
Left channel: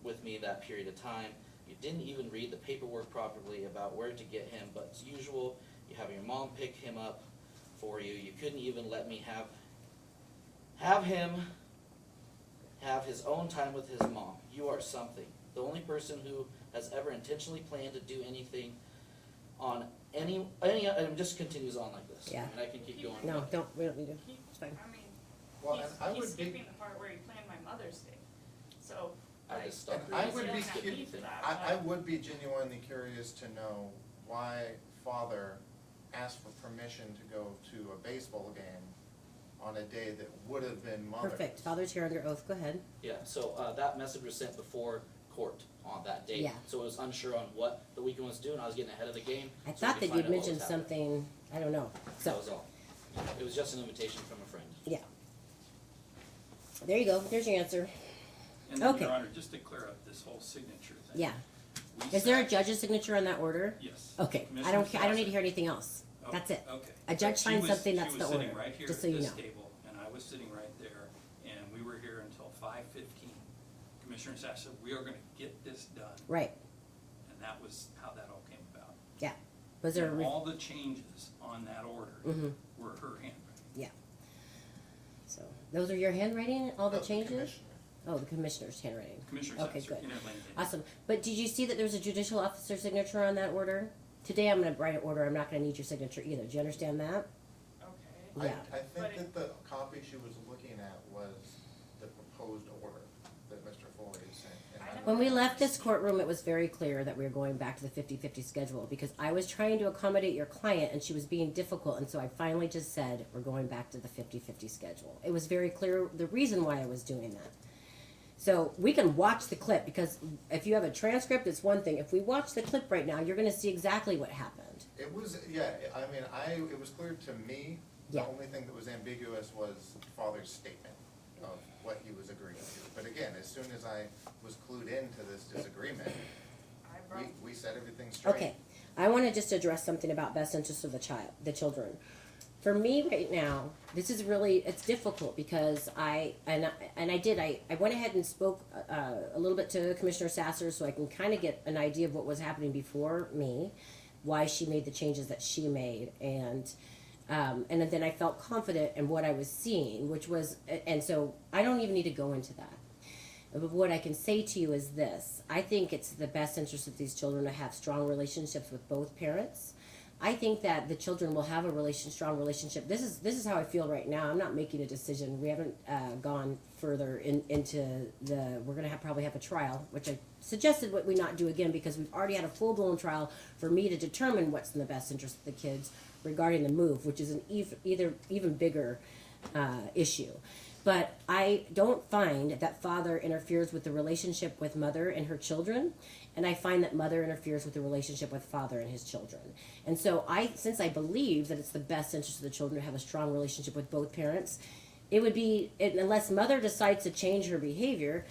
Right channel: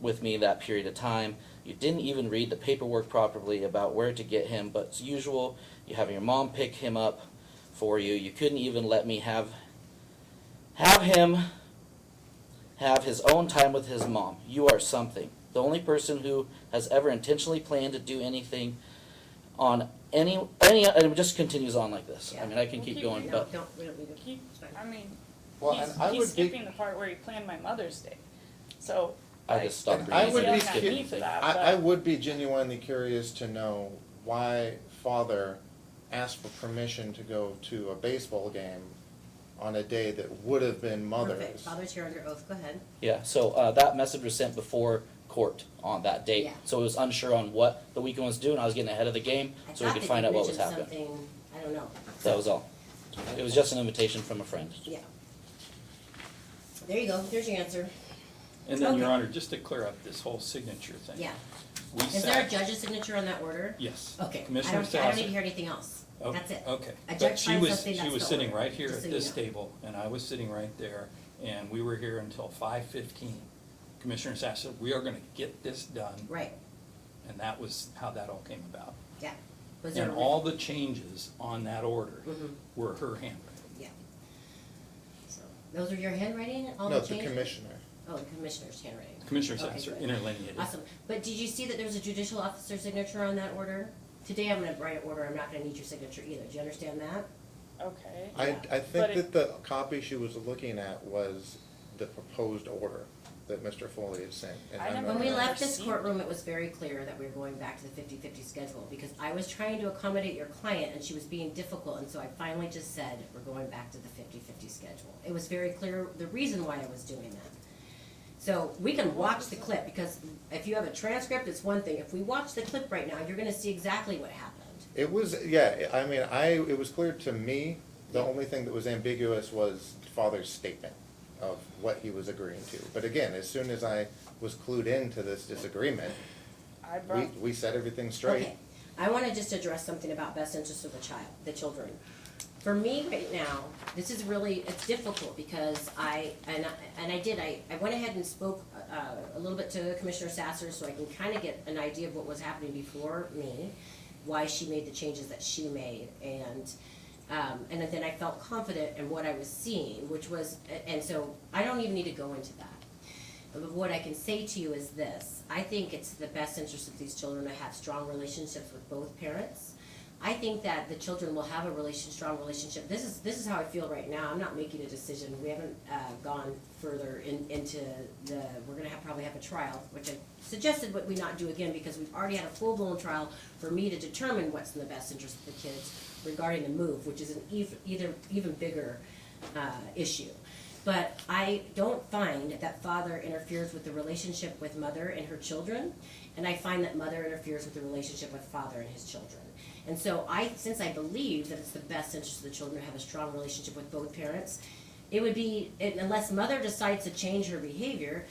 with me that period of time. You didn't even read the paperwork properly about where to get him, but as usual, you have your mom pick him up for you. You couldn't even let me have him have his own time with his mom. You are something. The only person who has ever intentionally planned to do anything on any, and it just continues on like this. Yeah. I mean, I can keep going, No, but don't, we don't need to. He, It's fine. I mean, Well, he's, and I he's would be, skipping the part where he planned my Mother's Day. So, I like, just stopped and I reading. would it. be He's yelling at me for that, I but- would be genuinely curious to know why father asked for permission to go to a baseball game on a day that would have been Mother's. Perfect, father's here under oath, go ahead. Yeah, so that message was sent before court on that date. Yeah. So it was unsure on what the weekend was doing. I was getting ahead of the game I so we thought could that find you out what was mentioned happening. something, I don't know. That was all. It was just an invitation from a friend. Yeah. There you go, there's your answer. And then, Your Okay. Honor, just to clear up this whole signature thing. Yeah. We Is there a sat- judge's signature on that order? Yes. Okay, I Commissioner don't need to Sasser. hear anything else. Oh, That's it. Okay. A But judge she signs was- something, that's She was the sitting order, right here just at so you this know. table, and I was sitting right there, and we were here until 5:15. Commissioner Sasser, we are gonna get this done, Right, and that was how that all came about. yeah. Was there a? And all the changes on that order Mhm. were her handwriting. Yeah. So, Those are your handwriting, all No, the the changes? commissioner. Oh, the commissioner's handwriting. Commissioner Okay, said good. interlineated. Awesome. But did you see that there was a judicial officer signature on that order? Today I'm gonna write an order, I'm not gonna need your signature either. Do you understand that? Okay. I Yeah. think But that the copy she was looking at was the proposed order that Mr. Foley had sent. and I I'm never- not- When we left this seen courtroom, it was very clear that we were going back to the 50-50 schedule, because I was trying to accommodate your client and she was being difficult, and so I finally just said, we're going back to the 50-50 schedule. It was very clear the reason why I was doing that. So we can watch the clip, because if you have a transcript, it's one thing. If we watch the clip right now, you're gonna see exactly what happened. It was, yeah, I mean, it was clear to me, the Yeah. only thing that was ambiguous was father's statement of what he was agreeing to. But again, as soon as I was clued into this disagreement, I brought, we set everything straight. Okay, I wanna just address something about best interest of the children. For me right now, this is really, it's difficult, because I went ahead and spoke a little bit to Commissioner Sasser, so I can kinda get an idea of what was happening before me, why she made the changes that she made, and then I felt confident in what I was seeing, which was, and so I don't even need to go into that. But what I can say to you is this: I think it's the best interest of these children to have strong relationships with both parents. I think that the children will have a strong relationship. This is how I feel right now. I'm not making a decision. We haven't gone further into the. We're gonna probably have a trial, which I suggested what we not do again, because we've already had a full blown trial for me to determine what's in the best interest of the kids regarding the move, which is an even bigger issue. But I don't find that father interferes with the relationship with mother and her children, and I find that mother interferes with the relationship with father and his children. And so since I believe that it's the best interest of the children to have a strong relationship with both parents, it would be, unless mother decides to change her behavior,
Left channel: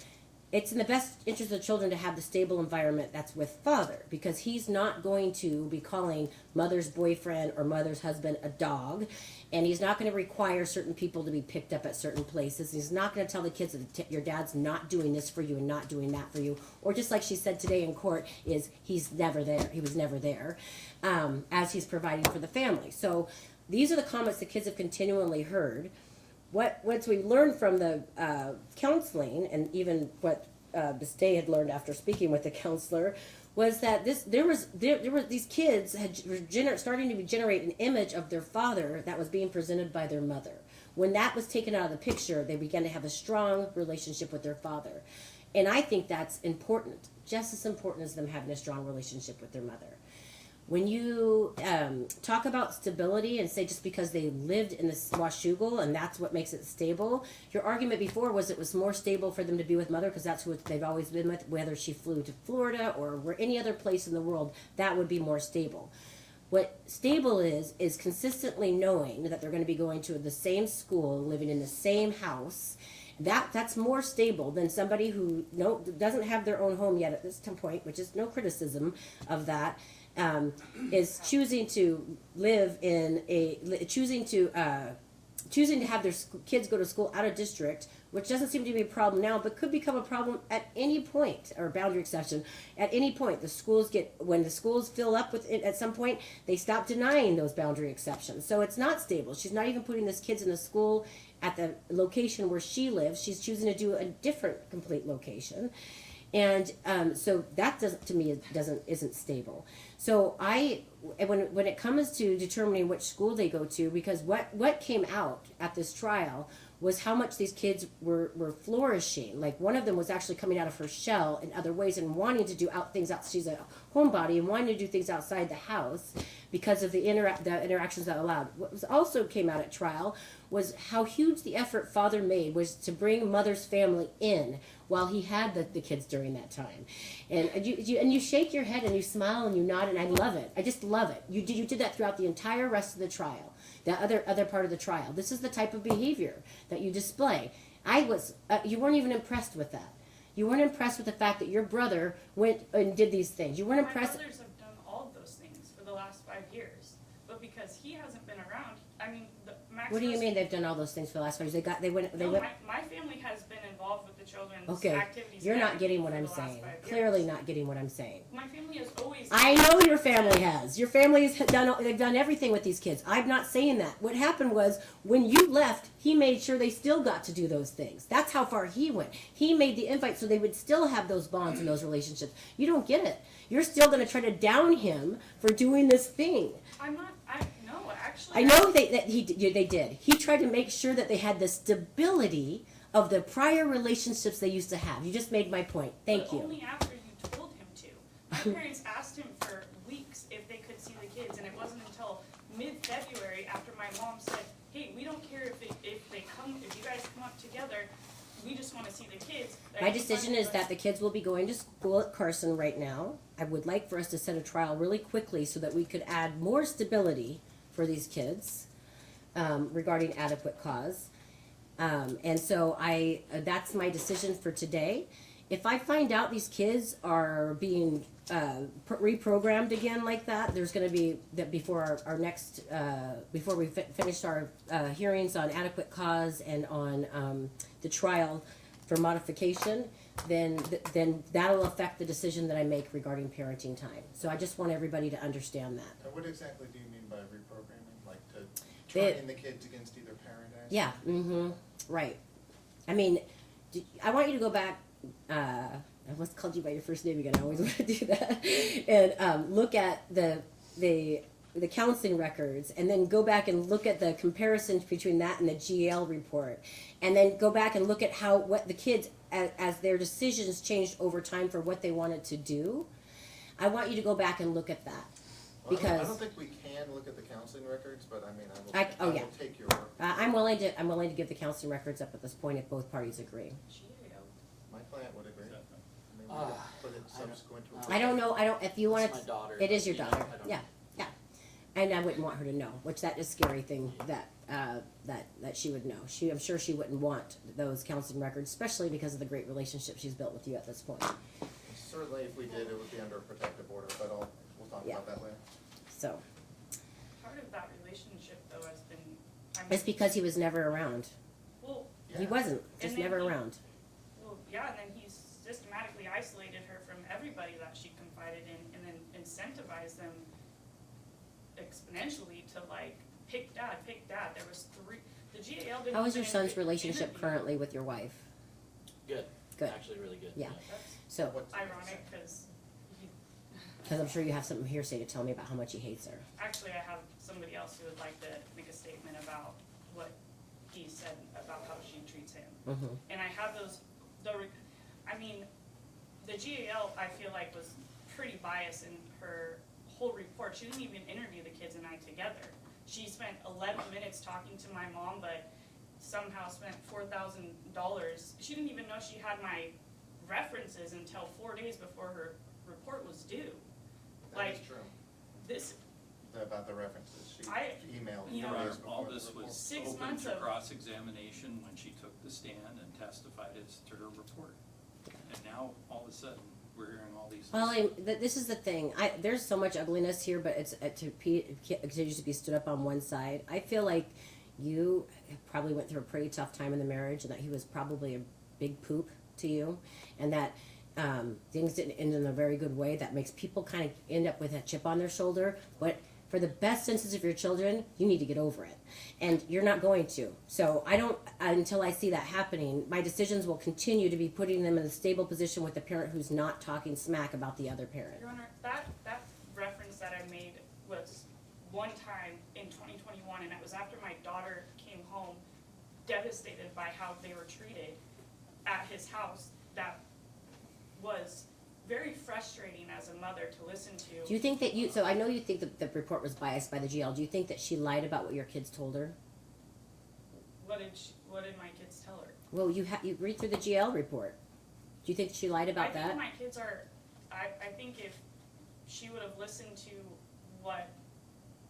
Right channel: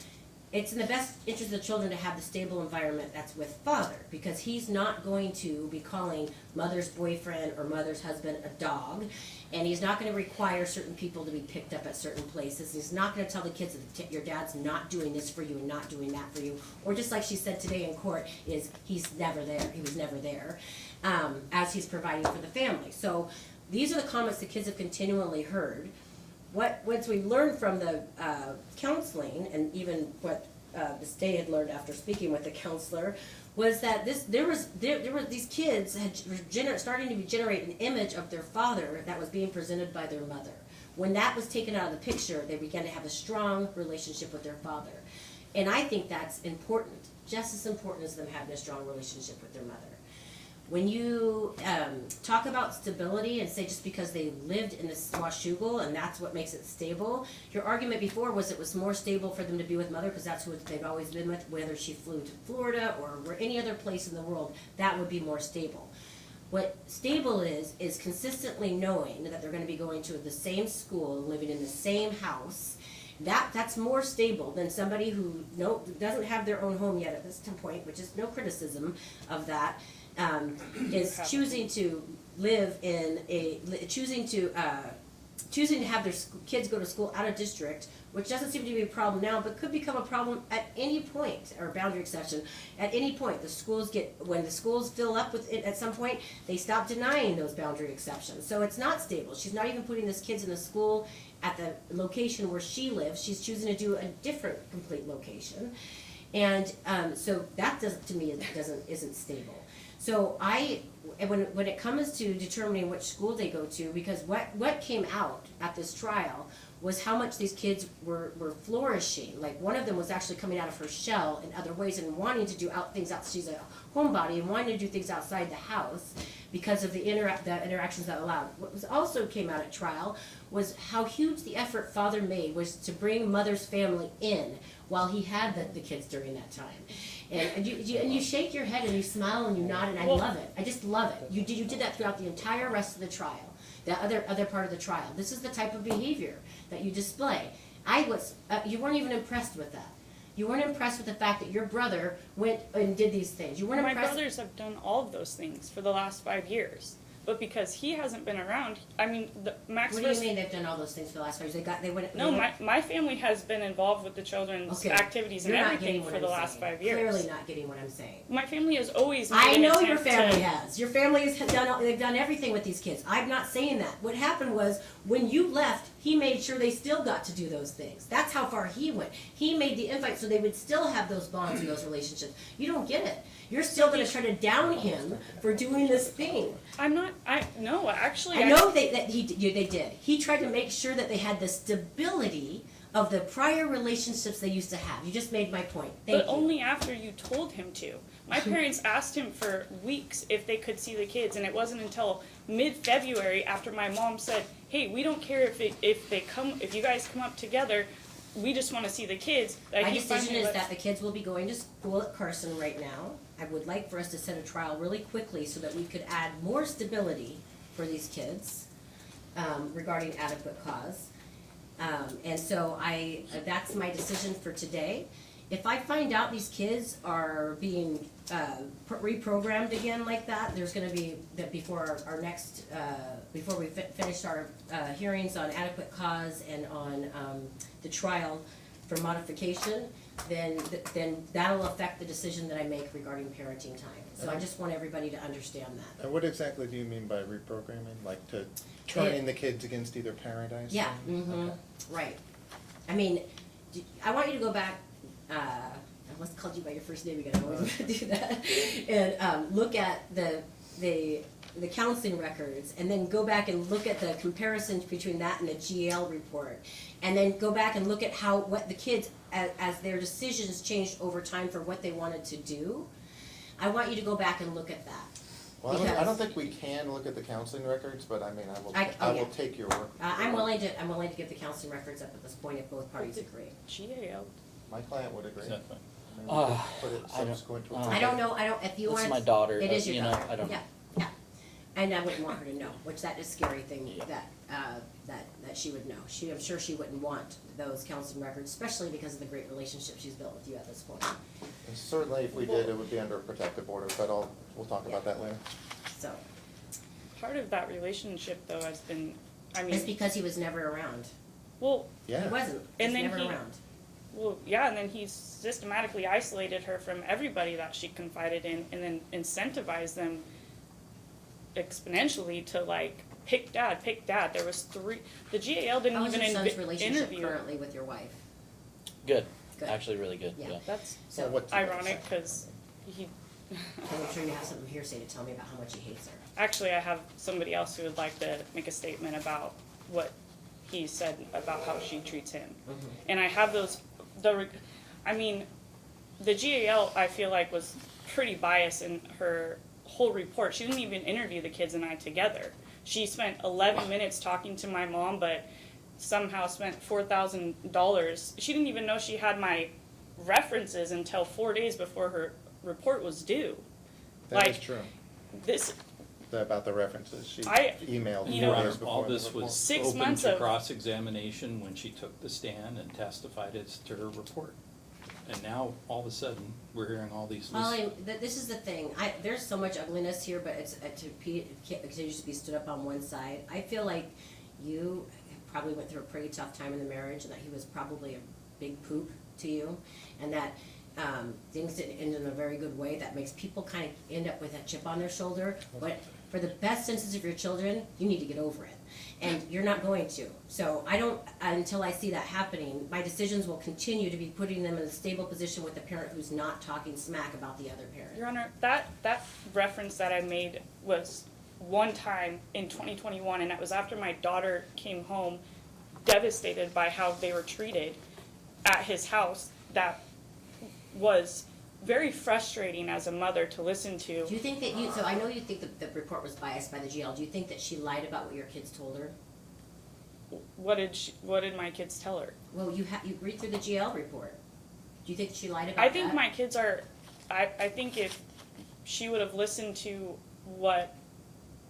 it's in the best interest of the children to have the stable environment that's with father, because he's not going to be calling mother's boyfriend or mother's husband a dog, and he's not going to require certain people to be picked up at certain places. He's not going to tell the kids that your dad's not doing this for you and not doing that for you, or just like she said today in court, is he's never there. He was never there, as he's providing for the family. So these are the comments the kids have continually heard. Once we learned from the counseling, and even what Ms. Day had learned after speaking with the counselor, was that there were these kids starting to generate an image of their father that was being presented by their mother. When that was taken out of the picture, they began to have a strong relationship with their father, and I think that's important, just as important as them having a strong relationship with their mother. When you talk about stability and say just because they lived in this Washougal and that's what makes it stable, your argument before was it was more stable for them to be with mother because that's who they've always been with, whether she flew to Florida or any other place in the world, that would be more stable. What stable is consistently knowing that they're going to be going to the same school, living in the same house. That's more stable than somebody who doesn't have their own home yet at this point, which is no criticism of that. Is choosing to live in choosing to have their kids go to school out of district, which doesn't seem to be a problem now, but could become a problem at any point, or boundary exception at any point. When the schools fill up with it at some point, they stop denying those boundary exceptions. So it's not stable. She's not even putting these kids in a school at the location where she lives. She's choosing to do a different complete location, and so that to me isn't stable. So when it comes to determining which school they go to, because what came out at this trial was how much these kids were flourishing. Like one of them was actually coming out of her shell in other ways and wanting to do things out. She's a homebody and wanting to do things outside the house because of the interactions that allowed. What was also came out at trial was how huge the effort father made was to bring mother's family in while he had the kids during that time. And you shake your head and you smile and you nod, and I love it. I just love it. You did that throughout the entire rest of the trial, that other part of the trial. This is the type of behavior that you display. You weren't even impressed with that. You weren't impressed with the fact that your brother went and did these things. You weren't my impressed. brothers have done all of those things for the last 5 years. but because he hasn't been around, I mean, Max What do you first- mean they've done all those things for the last 5 years? No, my family has been involved with the children's Okay, activities you're and not getting everything what for I'm the last saying. 5 years. Clearly not getting what I'm saying. My family has always. I made know an your attempt family to- has. Your family's they've done everything with these kids. I'm not saying that. What happened was when you left, he made sure they still got to do those things. That's how far he went. He made the invite so they would still have those bonds and those relationships. You don't get it. You're still going to try to down him for doing this thing. I'm not. No, actually. I know they did. He tried to make sure that they had the stability of the prior relationships they used to have. You just made my point. Thank But you. only after you told him to. My parents asked him for weeks if they could see the kids, and it wasn't until mid-February after my mom said, "Hey, we don't care if you guys come up together. We just want to see the kids." that My he decision finally is let- that the kids will be going to school at Carson right now. I would like for us to set a trial really quickly so that we could add more stability for these kids regarding adequate cause. And so that's my decision for today. If I find out these kids are being reprogrammed again like that, there's gonna be, that before our next, before we finish our hearings on adequate cause and on the trial for modification, then that'll affect the decision that I make regarding parenting time. So I just want everybody to understand that. And what exactly do you mean by reprogramming? Like to turning the kids against either parent, I assume? Yeah, right. I mean, I want you to go back, I almost called you by your first name again, I always want to do that. And look at the counseling records, and then go back and look at the comparisons between that and the GAL report. And then go back and look at what the kids, as their decisions changed over time for what they wanted to do. I want you to go back and look at that. Well, I Because- don't think we can look at the counseling records, but I mean, oh, I yeah. will take your word. I'm willing to give the counseling records up at this point if both parties agree. GAL. My client would agree. Exactly. I mean, we could put it I don't- subsequent to. uh, I don't know, if you This want. is my daughter, It is your you know, daughter, I don't- yeah. And I wouldn't want her to know, which that is a scary thing that she would know. I'm sure she wouldn't want those counseling records, especially because of the great relationship she's built with you at this point. And certainly if we did, it would be under a protective order, but we'll talk about that later. So, Part of that relationship, though, has been. I mean, it's because he was never around. well, Yeah. He wasn't, And just then never he- around. Well, yeah, and then he systematically isolated her from everybody that she confided in, and then incentivized them exponentially to like pick dad. There was 3. The GAL didn't How is even your son's interview. relationship currently with your wife? Good. Good. Actually, really good. Yeah. That's So, what's the ironic because he. because I'm sure you have something hearsay to tell me about how much he hates her. Actually, I have somebody else who would like to make a statement about what he said about how she treats him. And I have those. I mean, the GAL I feel like was pretty biased in her whole report. She didn't even interview the kids and I together. She spent 11 minutes talking to my mom, but somehow spent $4,000. She didn't even know she had my references until 4 days before her report was due. That is Like, true. This, About the references, she I- emailed you me know, days before. All the this report. was 6 open months to of- cross-examination when she took the stand and testified as to her report. And now, all of a sudden, we're hearing all these. Well, this is the thing. There's so much ugliness here, but it continues to be stood up on one side. I feel like you probably went through a pretty tough time in the marriage, and that he was probably a big poop to you, and that things didn't end in a very good way. That makes people kind of end up with a chip on their shoulder. But for the best interests of your children, you need to get over it. And you're not going to. So until I see that happening, my decisions will continue to be putting them in a stable position with a parent who's not talking smack about the other parent. Your Honor, that reference that I made was one time in 2021, and that was after my daughter came home devastated by how they were treated at his house. That was very frustrating as a mother to listen to. Do you think that so I know you think that the report was biased by the GL. Do you think that she lied about what your kids told her? What did my kids tell her? Well, you read through the GL report. Do you think she lied about I that? think my kids are, I think if she would have listened to what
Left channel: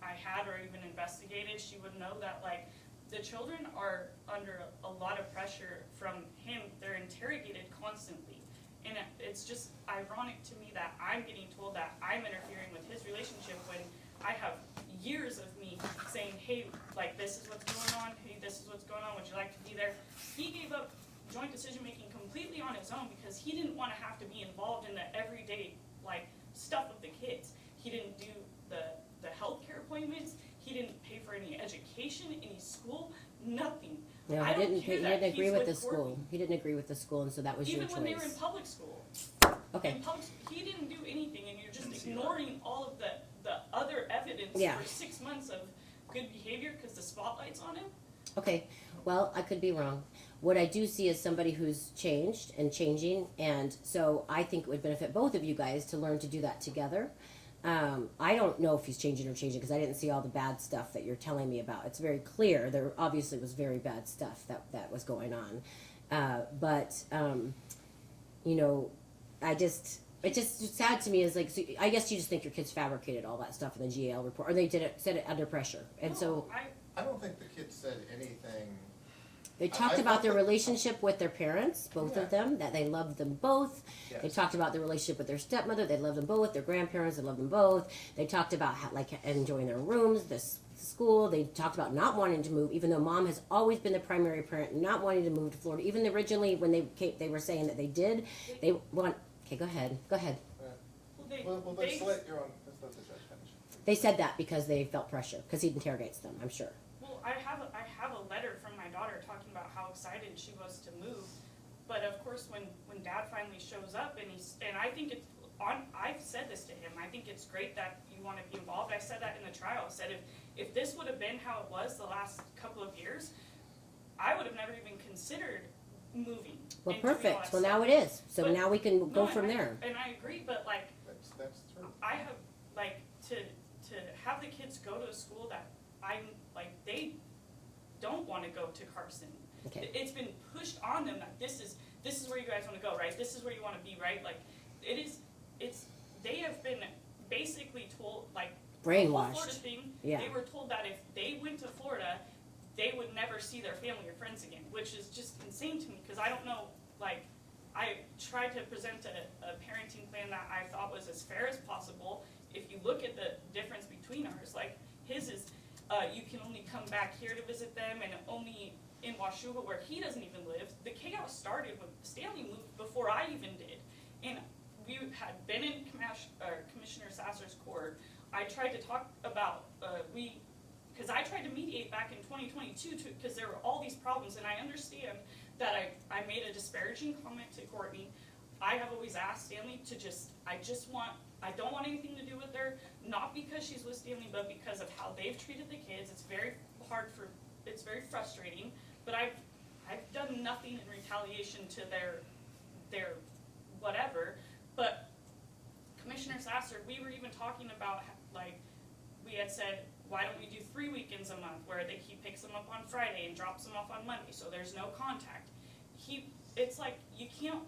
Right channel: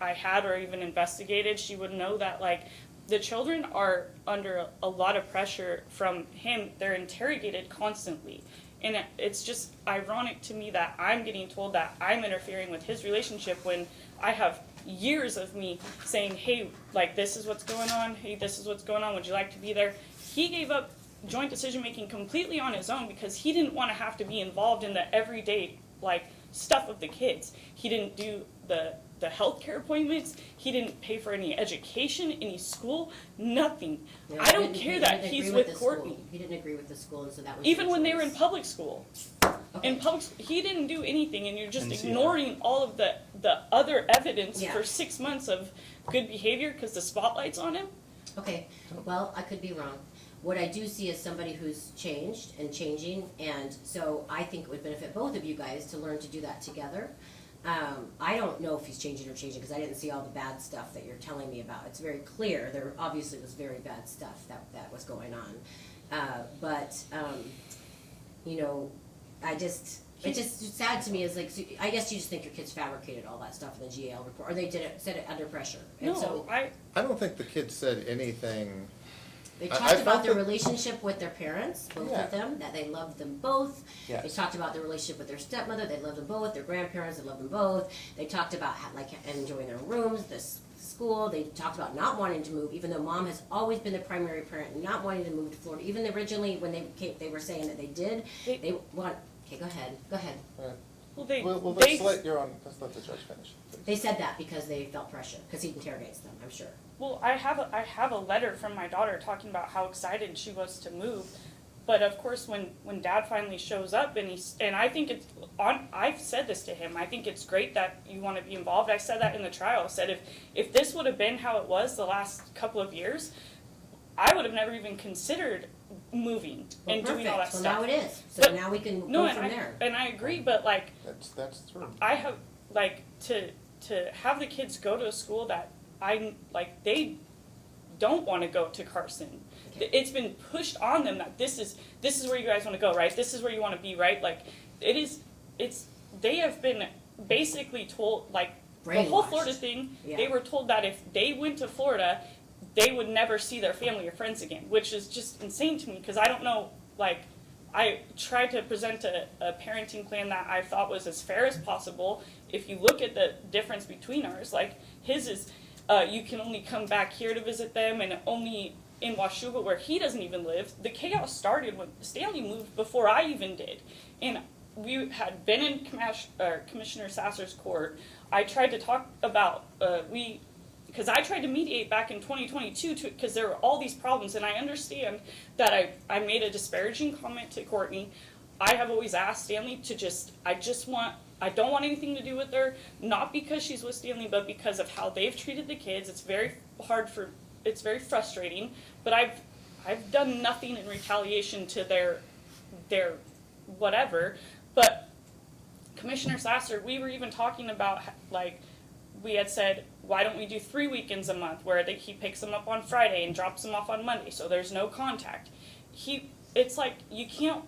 I had or even investigated, she would know that, like, the children are under a lot of pressure from him. They're interrogated constantly. And it's just ironic to me that I'm getting told that I'm interfering with his relationship when I have years of me saying, hey, like, this is what's going on, hey, this is what's going on, would you like to be there? He gave up joint decision-making completely on his own because he didn't want to have to be involved in the everyday, like, stuff with the kids. He didn't do the healthcare appointments, he didn't pay for any education, any school, nothing. No, I don't care that he he's didn't agree with the Courtney. school. He didn't agree with the school, and so that was Even your when they were in choice. public school. Okay. In public, he didn't do anything, and you're just NCR. ignoring all of the other evidence Yeah. for 6 months of good behavior because the spotlight's on him. Okay, well, I could be wrong. What I do see is somebody who's changed and changing, and so I think it would benefit both of you guys to learn to do that together. I don't know if he's changing or changing because I didn't see all the bad stuff that you're telling me about. It's very clear there obviously was very bad stuff that was going on, but you know, it's just sad to me is like, so I guess you just think your kids fabricated all that stuff in the GAL report, or they said it under pressure, and so. I I don't think the kids said anything. They I talked about felt their that- relationship with their parents, both Yeah. of them, that they loved them both. They Yes. talked about their relationship with their stepmother, they loved them both, their grandparents, they loved them both. They talked about like enjoying their rooms, this school. They talked about not wanting to move, even though mom has always been the primary parent, not wanting to move to Florida. Even originally when they came, they were saying that they did. They want. Okay, go ahead. well, they We'll they just let the judge finish. please. They said that because they felt pressure, because he interrogates them, I'm sure. well, I have a letter from my daughter talking about how excited she was to move, but of course when Dad finally shows up and I think it's on. I've said this to him. I think it's great that you want to be involved. I said that in the trial. I said if this would have been how it was the last couple of years, I would have never even considered moving Well, and doing all that perfect. Well, stuff. now it is. So But- now we can No, go from there. and I agree, but like That's true. I have like to have the kids go to a school that I like they don't want to go to Carson. Okay. It's been pushed on them that this is where you guys want to go, right? This is where you want to be, right? Like they have been basically told like the whole Brainwashed. Florida thing. Yeah. They were told that if they went to Florida, they would never see their family or friends again, which is just insane to me because I don't know. Like I tried to present a parenting plan that I thought was as fair as possible. If you look at the difference between ours, like his is you can only come back here to visit them and only in Washougal where he doesn't even live. The chaos started when Stanley moved before I even did. And we had been in Commissioner Sasser's court. I tried to talk about, because I tried to mediate back in 2022 because there were all these problems, and I understand that I made a disparaging comment to Courtney. I have always asked Stanley to I don't want anything to do with her, not because she's with Stanley, but because of how they've treated the kids. It's very it's very frustrating, but I've done nothing in retaliation to their whatever, but Commissioner Sasser, we were even talking about, like, we had said, why don't we do 3 weekends a month where he picks them up on Friday and drops them off on Monday, so there's no contact. It's like, you can't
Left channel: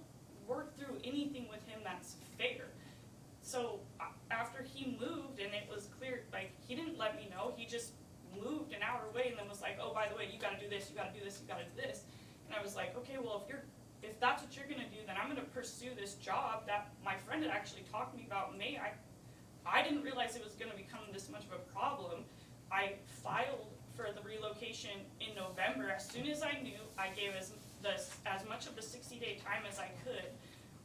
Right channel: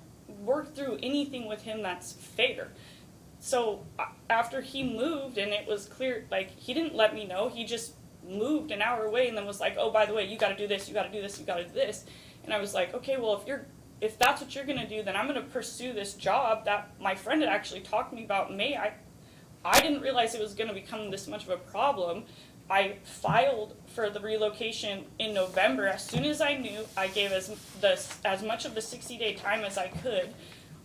work through anything with him that's fair. So, after he moved and it was clear, like, he didn't let me know, he just moved an hour away and then was like, oh, by the way, you gotta do this, you gotta do this, you gotta do this. And I was like, okay, well, if that's what you're gonna do, then I'm gonna pursue this job that my friend had actually talked to me about in May. I didn't realize it was gonna become this much of a problem. I filed for the relocation in November. As soon as I knew, I gave as much of the 60-day time as I could.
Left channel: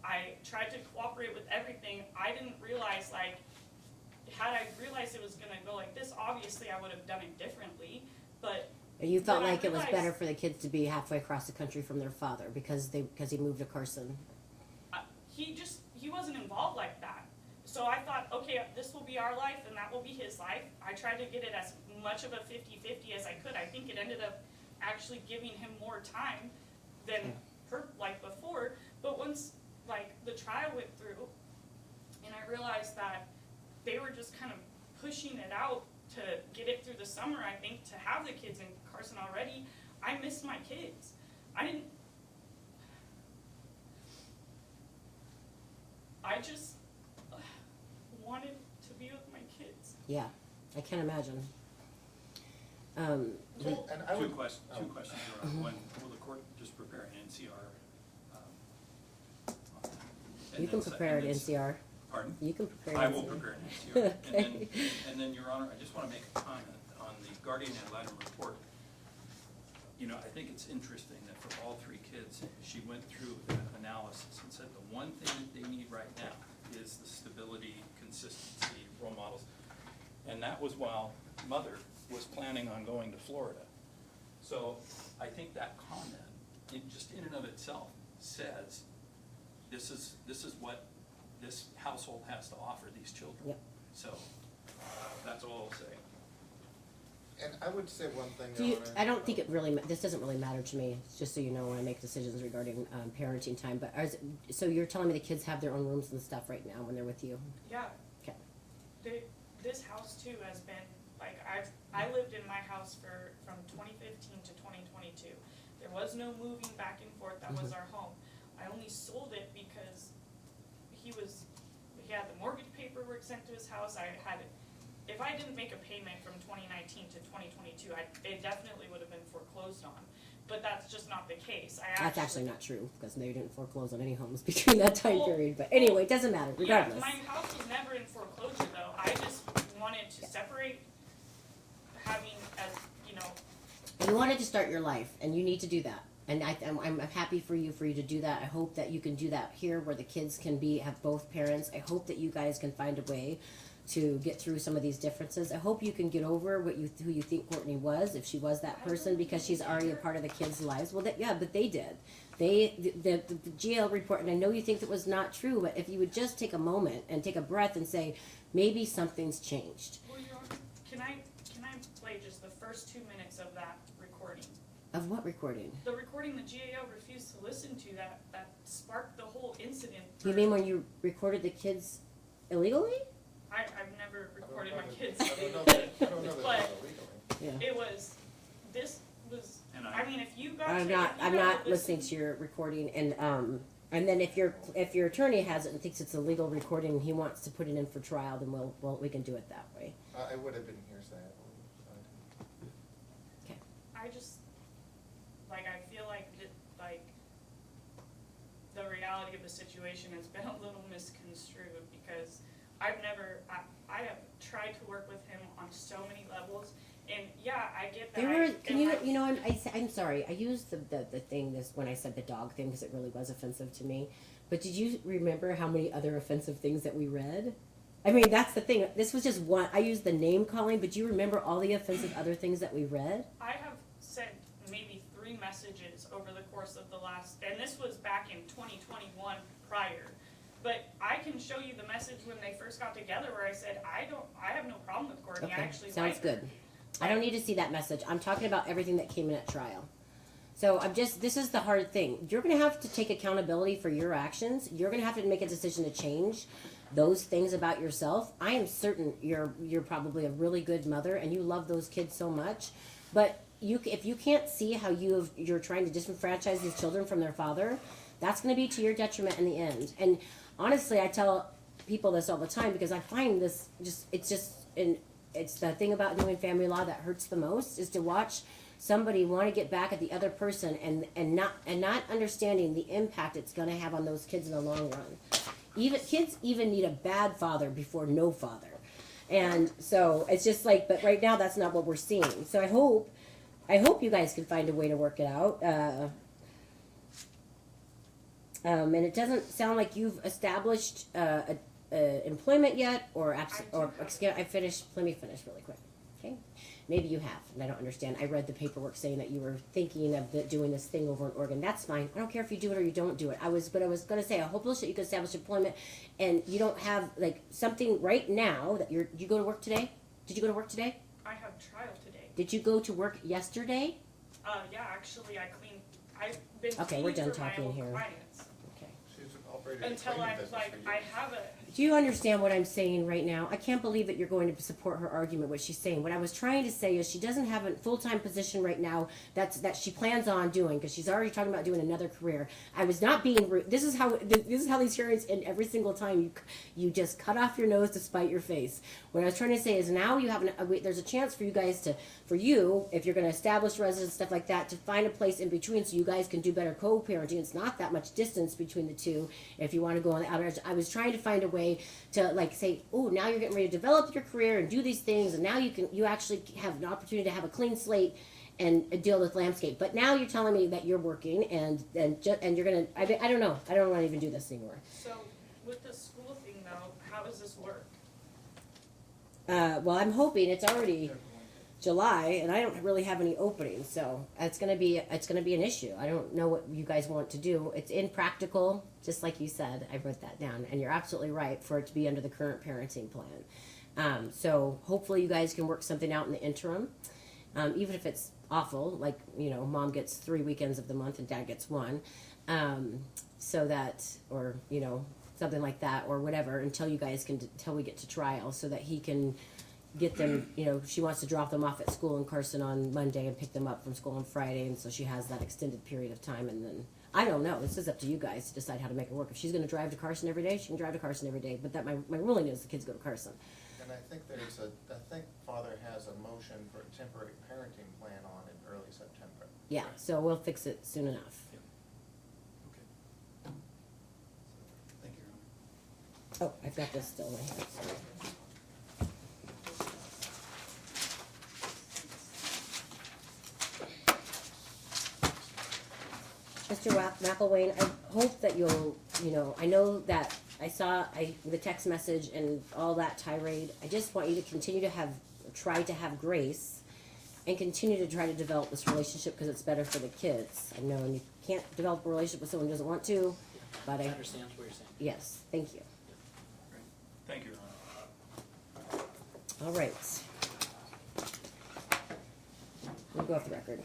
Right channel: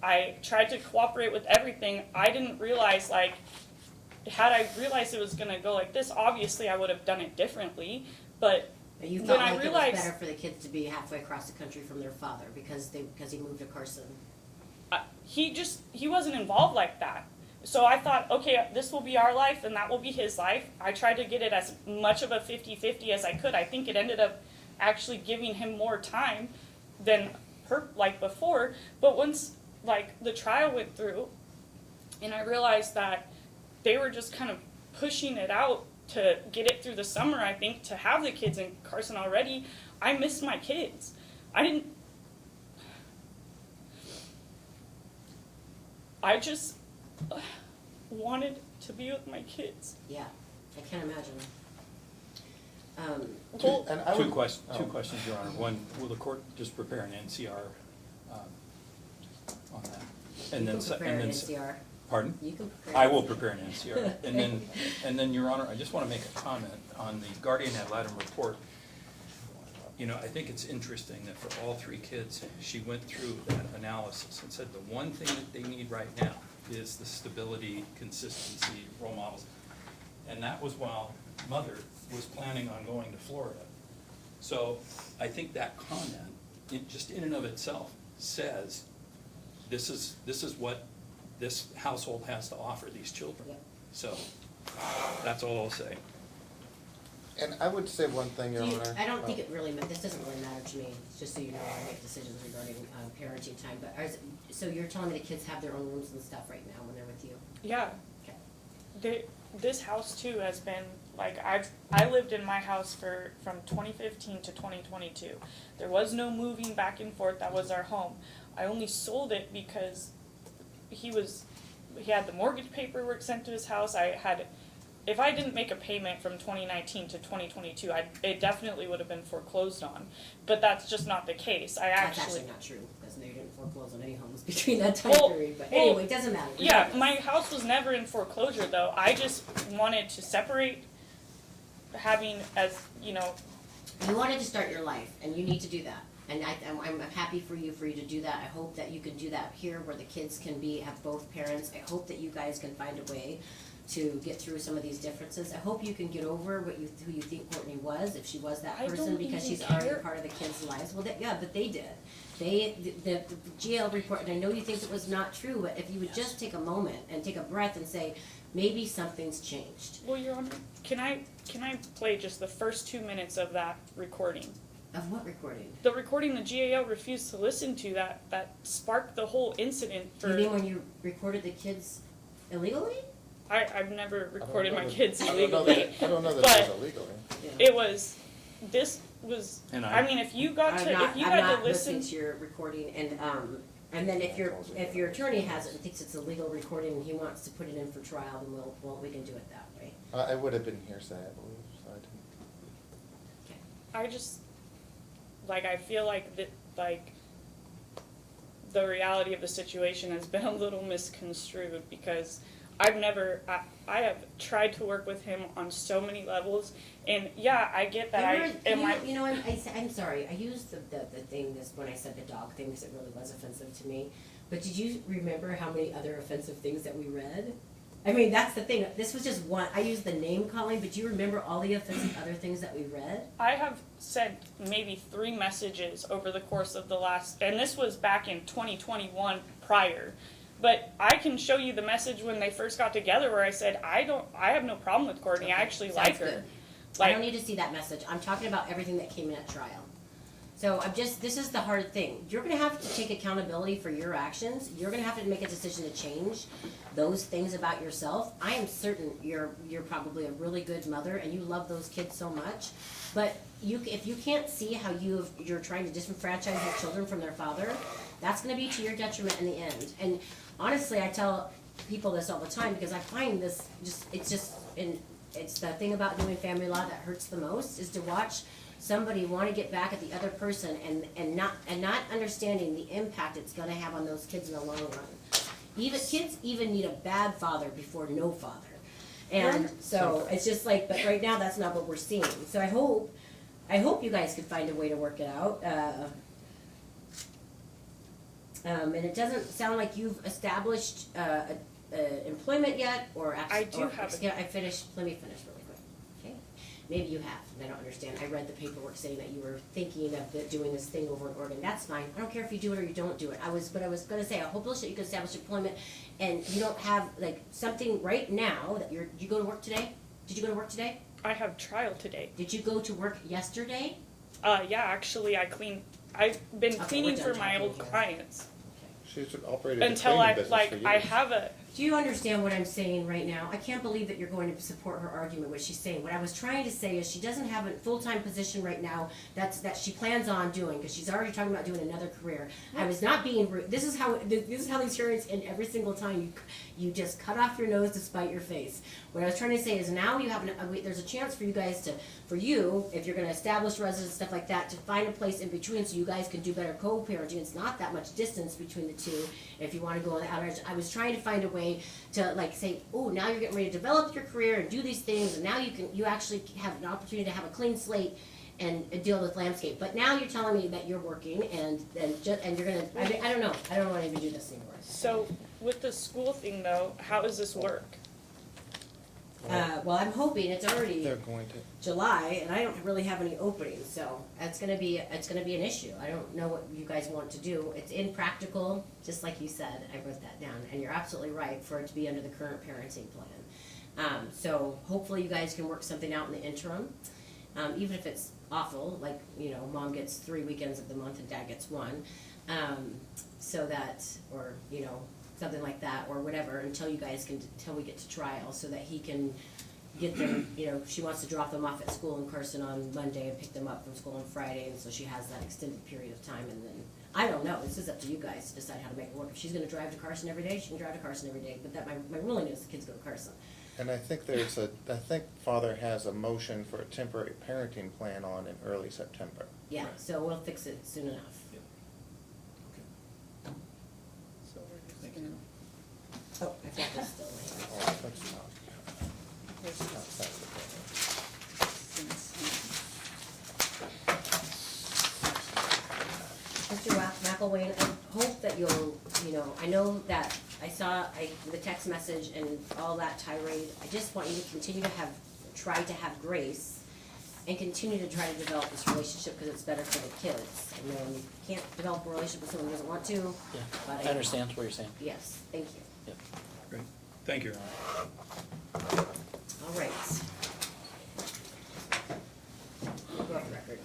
I tried to cooperate with everything. I didn't realize, like, had I realized it was gonna go like this, obviously I would have done it differently, but You felt Then I like it realized- was better for the kids to be halfway across the country from their father because he moved to Carson. he wasn't involved like that. So I thought, okay, this will be our life and that will be his life. I tried to get it as much of a 50-50 as I could. I think it ended up actually giving him more time than before. But once the trial went through and I realized that they were just kind of pushing it out to get it through the summer, I think, to have the kids in Carson already, I missed my kids. I just wanted to be with my kids. Yeah, I can't imagine. Well, And I Two would- questions, oh. Your Honor. One, will the court just prepare an NCR on that? And You then can se- prepare and an then se- NCR. Pardon? You can prepare. I an will NCR. prepare an NCR. And then, Your Honor, I just want to make a comment on the guardian ad litem report. You know, I think it's interesting that for all three kids, she went through that analysis and said the one thing that they need right now is the stability, consistency, role models. And that was while mother was planning on going to Florida. So I think that comment, it just in and of itself says, this is what this household has to offer these children. Yep. So, that's all I'll say. And I would say one thing, Your Do you, Honor. I don't think it really, this doesn't really matter to me, just so you know, when I make decisions regarding parenting time, but so you're telling me the kids have their own rooms and stuff right now when they're with you? Yeah. Okay. This house too has been, like, I lived in my house from 2015 to 2022. There was no moving back and forth, that was our home. I only sold it because he had the mortgage paperwork sent to his house. If I didn't make a payment from 2019 to 2022, it definitely would have been foreclosed on. But that's just not the case. That's actually not true, because they didn't foreclose on any homes between that time period, but anyway, it doesn't matter, Yeah, regardless. my house was never in foreclosure though. I just wanted to separate having as, you know, You wanted to start your life, and you need to do that. And I'm happy for you to do that. I hope that you can do that here, where the kids can have both parents. I hope that you guys can find a way to get through some of these differences. I hope you can get over who you think Courtney was, if she was that I person, don't because even she's already care. part of the kids' lives. Well, but they did. The GL report, and I know you think it was not true, but if you would just take a moment and take a breath and say, maybe something's changed. well, Your Honor, can I play just the first 2 minutes of that recording? Of what recording? The recording the GAL refused to listen to that sparked the whole incident for. You mean when you recorded the kids illegally? I've never recorded my I don't know kids that- illegally. I don't know that but it's illegally. Yeah. it was, this was, And I mean, if you got I'm to, not, if you I'm had not to listen. listening to your recording, and then if your attorney has it and thinks it's a legal recording and he wants to put it in for trial, then we can do it that way. I would have been hearsay, I believe, so I didn't. I just, like, I feel like the reality of the situation has been a little misconstrued, because I have tried to work with him on so many levels, and yeah, I get that. I'm sorry, I used the thing when I said the dog thing, because it really was offensive to me, but did you remember how many other offensive things that we read? I mean, that's the thing, this was just one, I used the name calling, but do you remember all the offensive other things that we read? I have sent maybe 3 messages over the course of the last, and this was back in 2021 prior. But I can show you the message when they first got together where I said, I have no problem with Courtney, I actually Sounds like her. good. I don't need to see that message. I'm talking about everything that came in at trial. So this is the hard thing. You're gonna have to take accountability for your actions. You're gonna have to make a decision to change those things about yourself. I am certain you're probably a really good mother and you love those kids so much. But if you can't see how you're trying to disenfranchise these children from their father, that's gonna be to your detriment in the end. And honestly, I tell people this all the time, because I find this it's the thing about doing family law that hurts the most, is to watch somebody want to get back at the other person and not understanding the impact it's going to have on those kids in the long run. Kids even need a bad father before no father. And so it's just like, but right now that's not what we're seeing. So I hope you guys can find a way to work it out. And it doesn't sound like you've established employment yet, or I do have let me finish really quick. Okay, maybe you have, and I don't understand. I read the paperwork saying that you were thinking of doing this thing over in Oregon. That's fine. I don't care if you do it or you don't do it. But I was going to say, I hope that you can establish employment, and you don't have like something right now that you go to work today. Did you go to work today? I have trial today. Did you go to work yesterday? Yeah, actually I've been Okay, cleaning we're done for my talking old here. clients. She's operated a Until cleaning business for years. I have a Do you understand what I'm saying right now? I can't believe that you're going to support her argument, what she's saying. What I was trying to say is she doesn't have a full-time position right now that she plans on doing, because she's already talking about doing another career. I was not being rude. This is how these hearings end every single time. You just cut off your nose to spite your face. What I was trying to say is now you have there's a chance for you guys if you're going to establish residence, stuff like that, to find a place in between so you guys can do better co-parenting. It's not that much distance between the two if you want to go on the outer edge. I was trying to find a way to like say, oh, now you're getting ready to develop your career and do these things, and now you actually have an opportunity to have a clean slate and deal with landscape. But now you're telling me that you're working and you're gonna. I don't know. I don't want to even do this anymore. So with the school thing though, how does this work? Well, I'm hoping it's already They're going to. July, and I don't really have any openings, so it's gonna be an issue. I don't know what you guys want to do. It's impractical, just like you said. I wrote that down, and you're absolutely right for it to be under the current parenting plan. So hopefully you guys can work something out in the interim, even if it's awful, like mom gets 3 weekends of the month and dad gets 1, so that or something like that or whatever until we get to trial, so that he can get them, she wants to drop them off at school in Carson on Monday and pick them up from school on Friday, and so she has that extended period of time, and then, I don't know, this is up to you guys to decide how to make it work. If she's gonna drive to Carson every day, she can drive to Carson every day, but that, my ruling is the kids go to Carson. And I think Father has a motion for a temporary parenting plan on in early September. Yeah, Right. so we'll fix it soon enough. Okay. Thank you. Oh, I've got this still right here. Mr. Mcilwain, I hope that you'll, I know that I saw the text message and all that tirade. I just want you to continue to try to have grace and continue to try to develop this relationship, because it's better for the kids. I know you can't develop a relationship with someone who doesn't want to, Yeah, but I understand what you're saying. Yes, thank you. Great. Thank you, Your Honor. All right. We'll go off the record.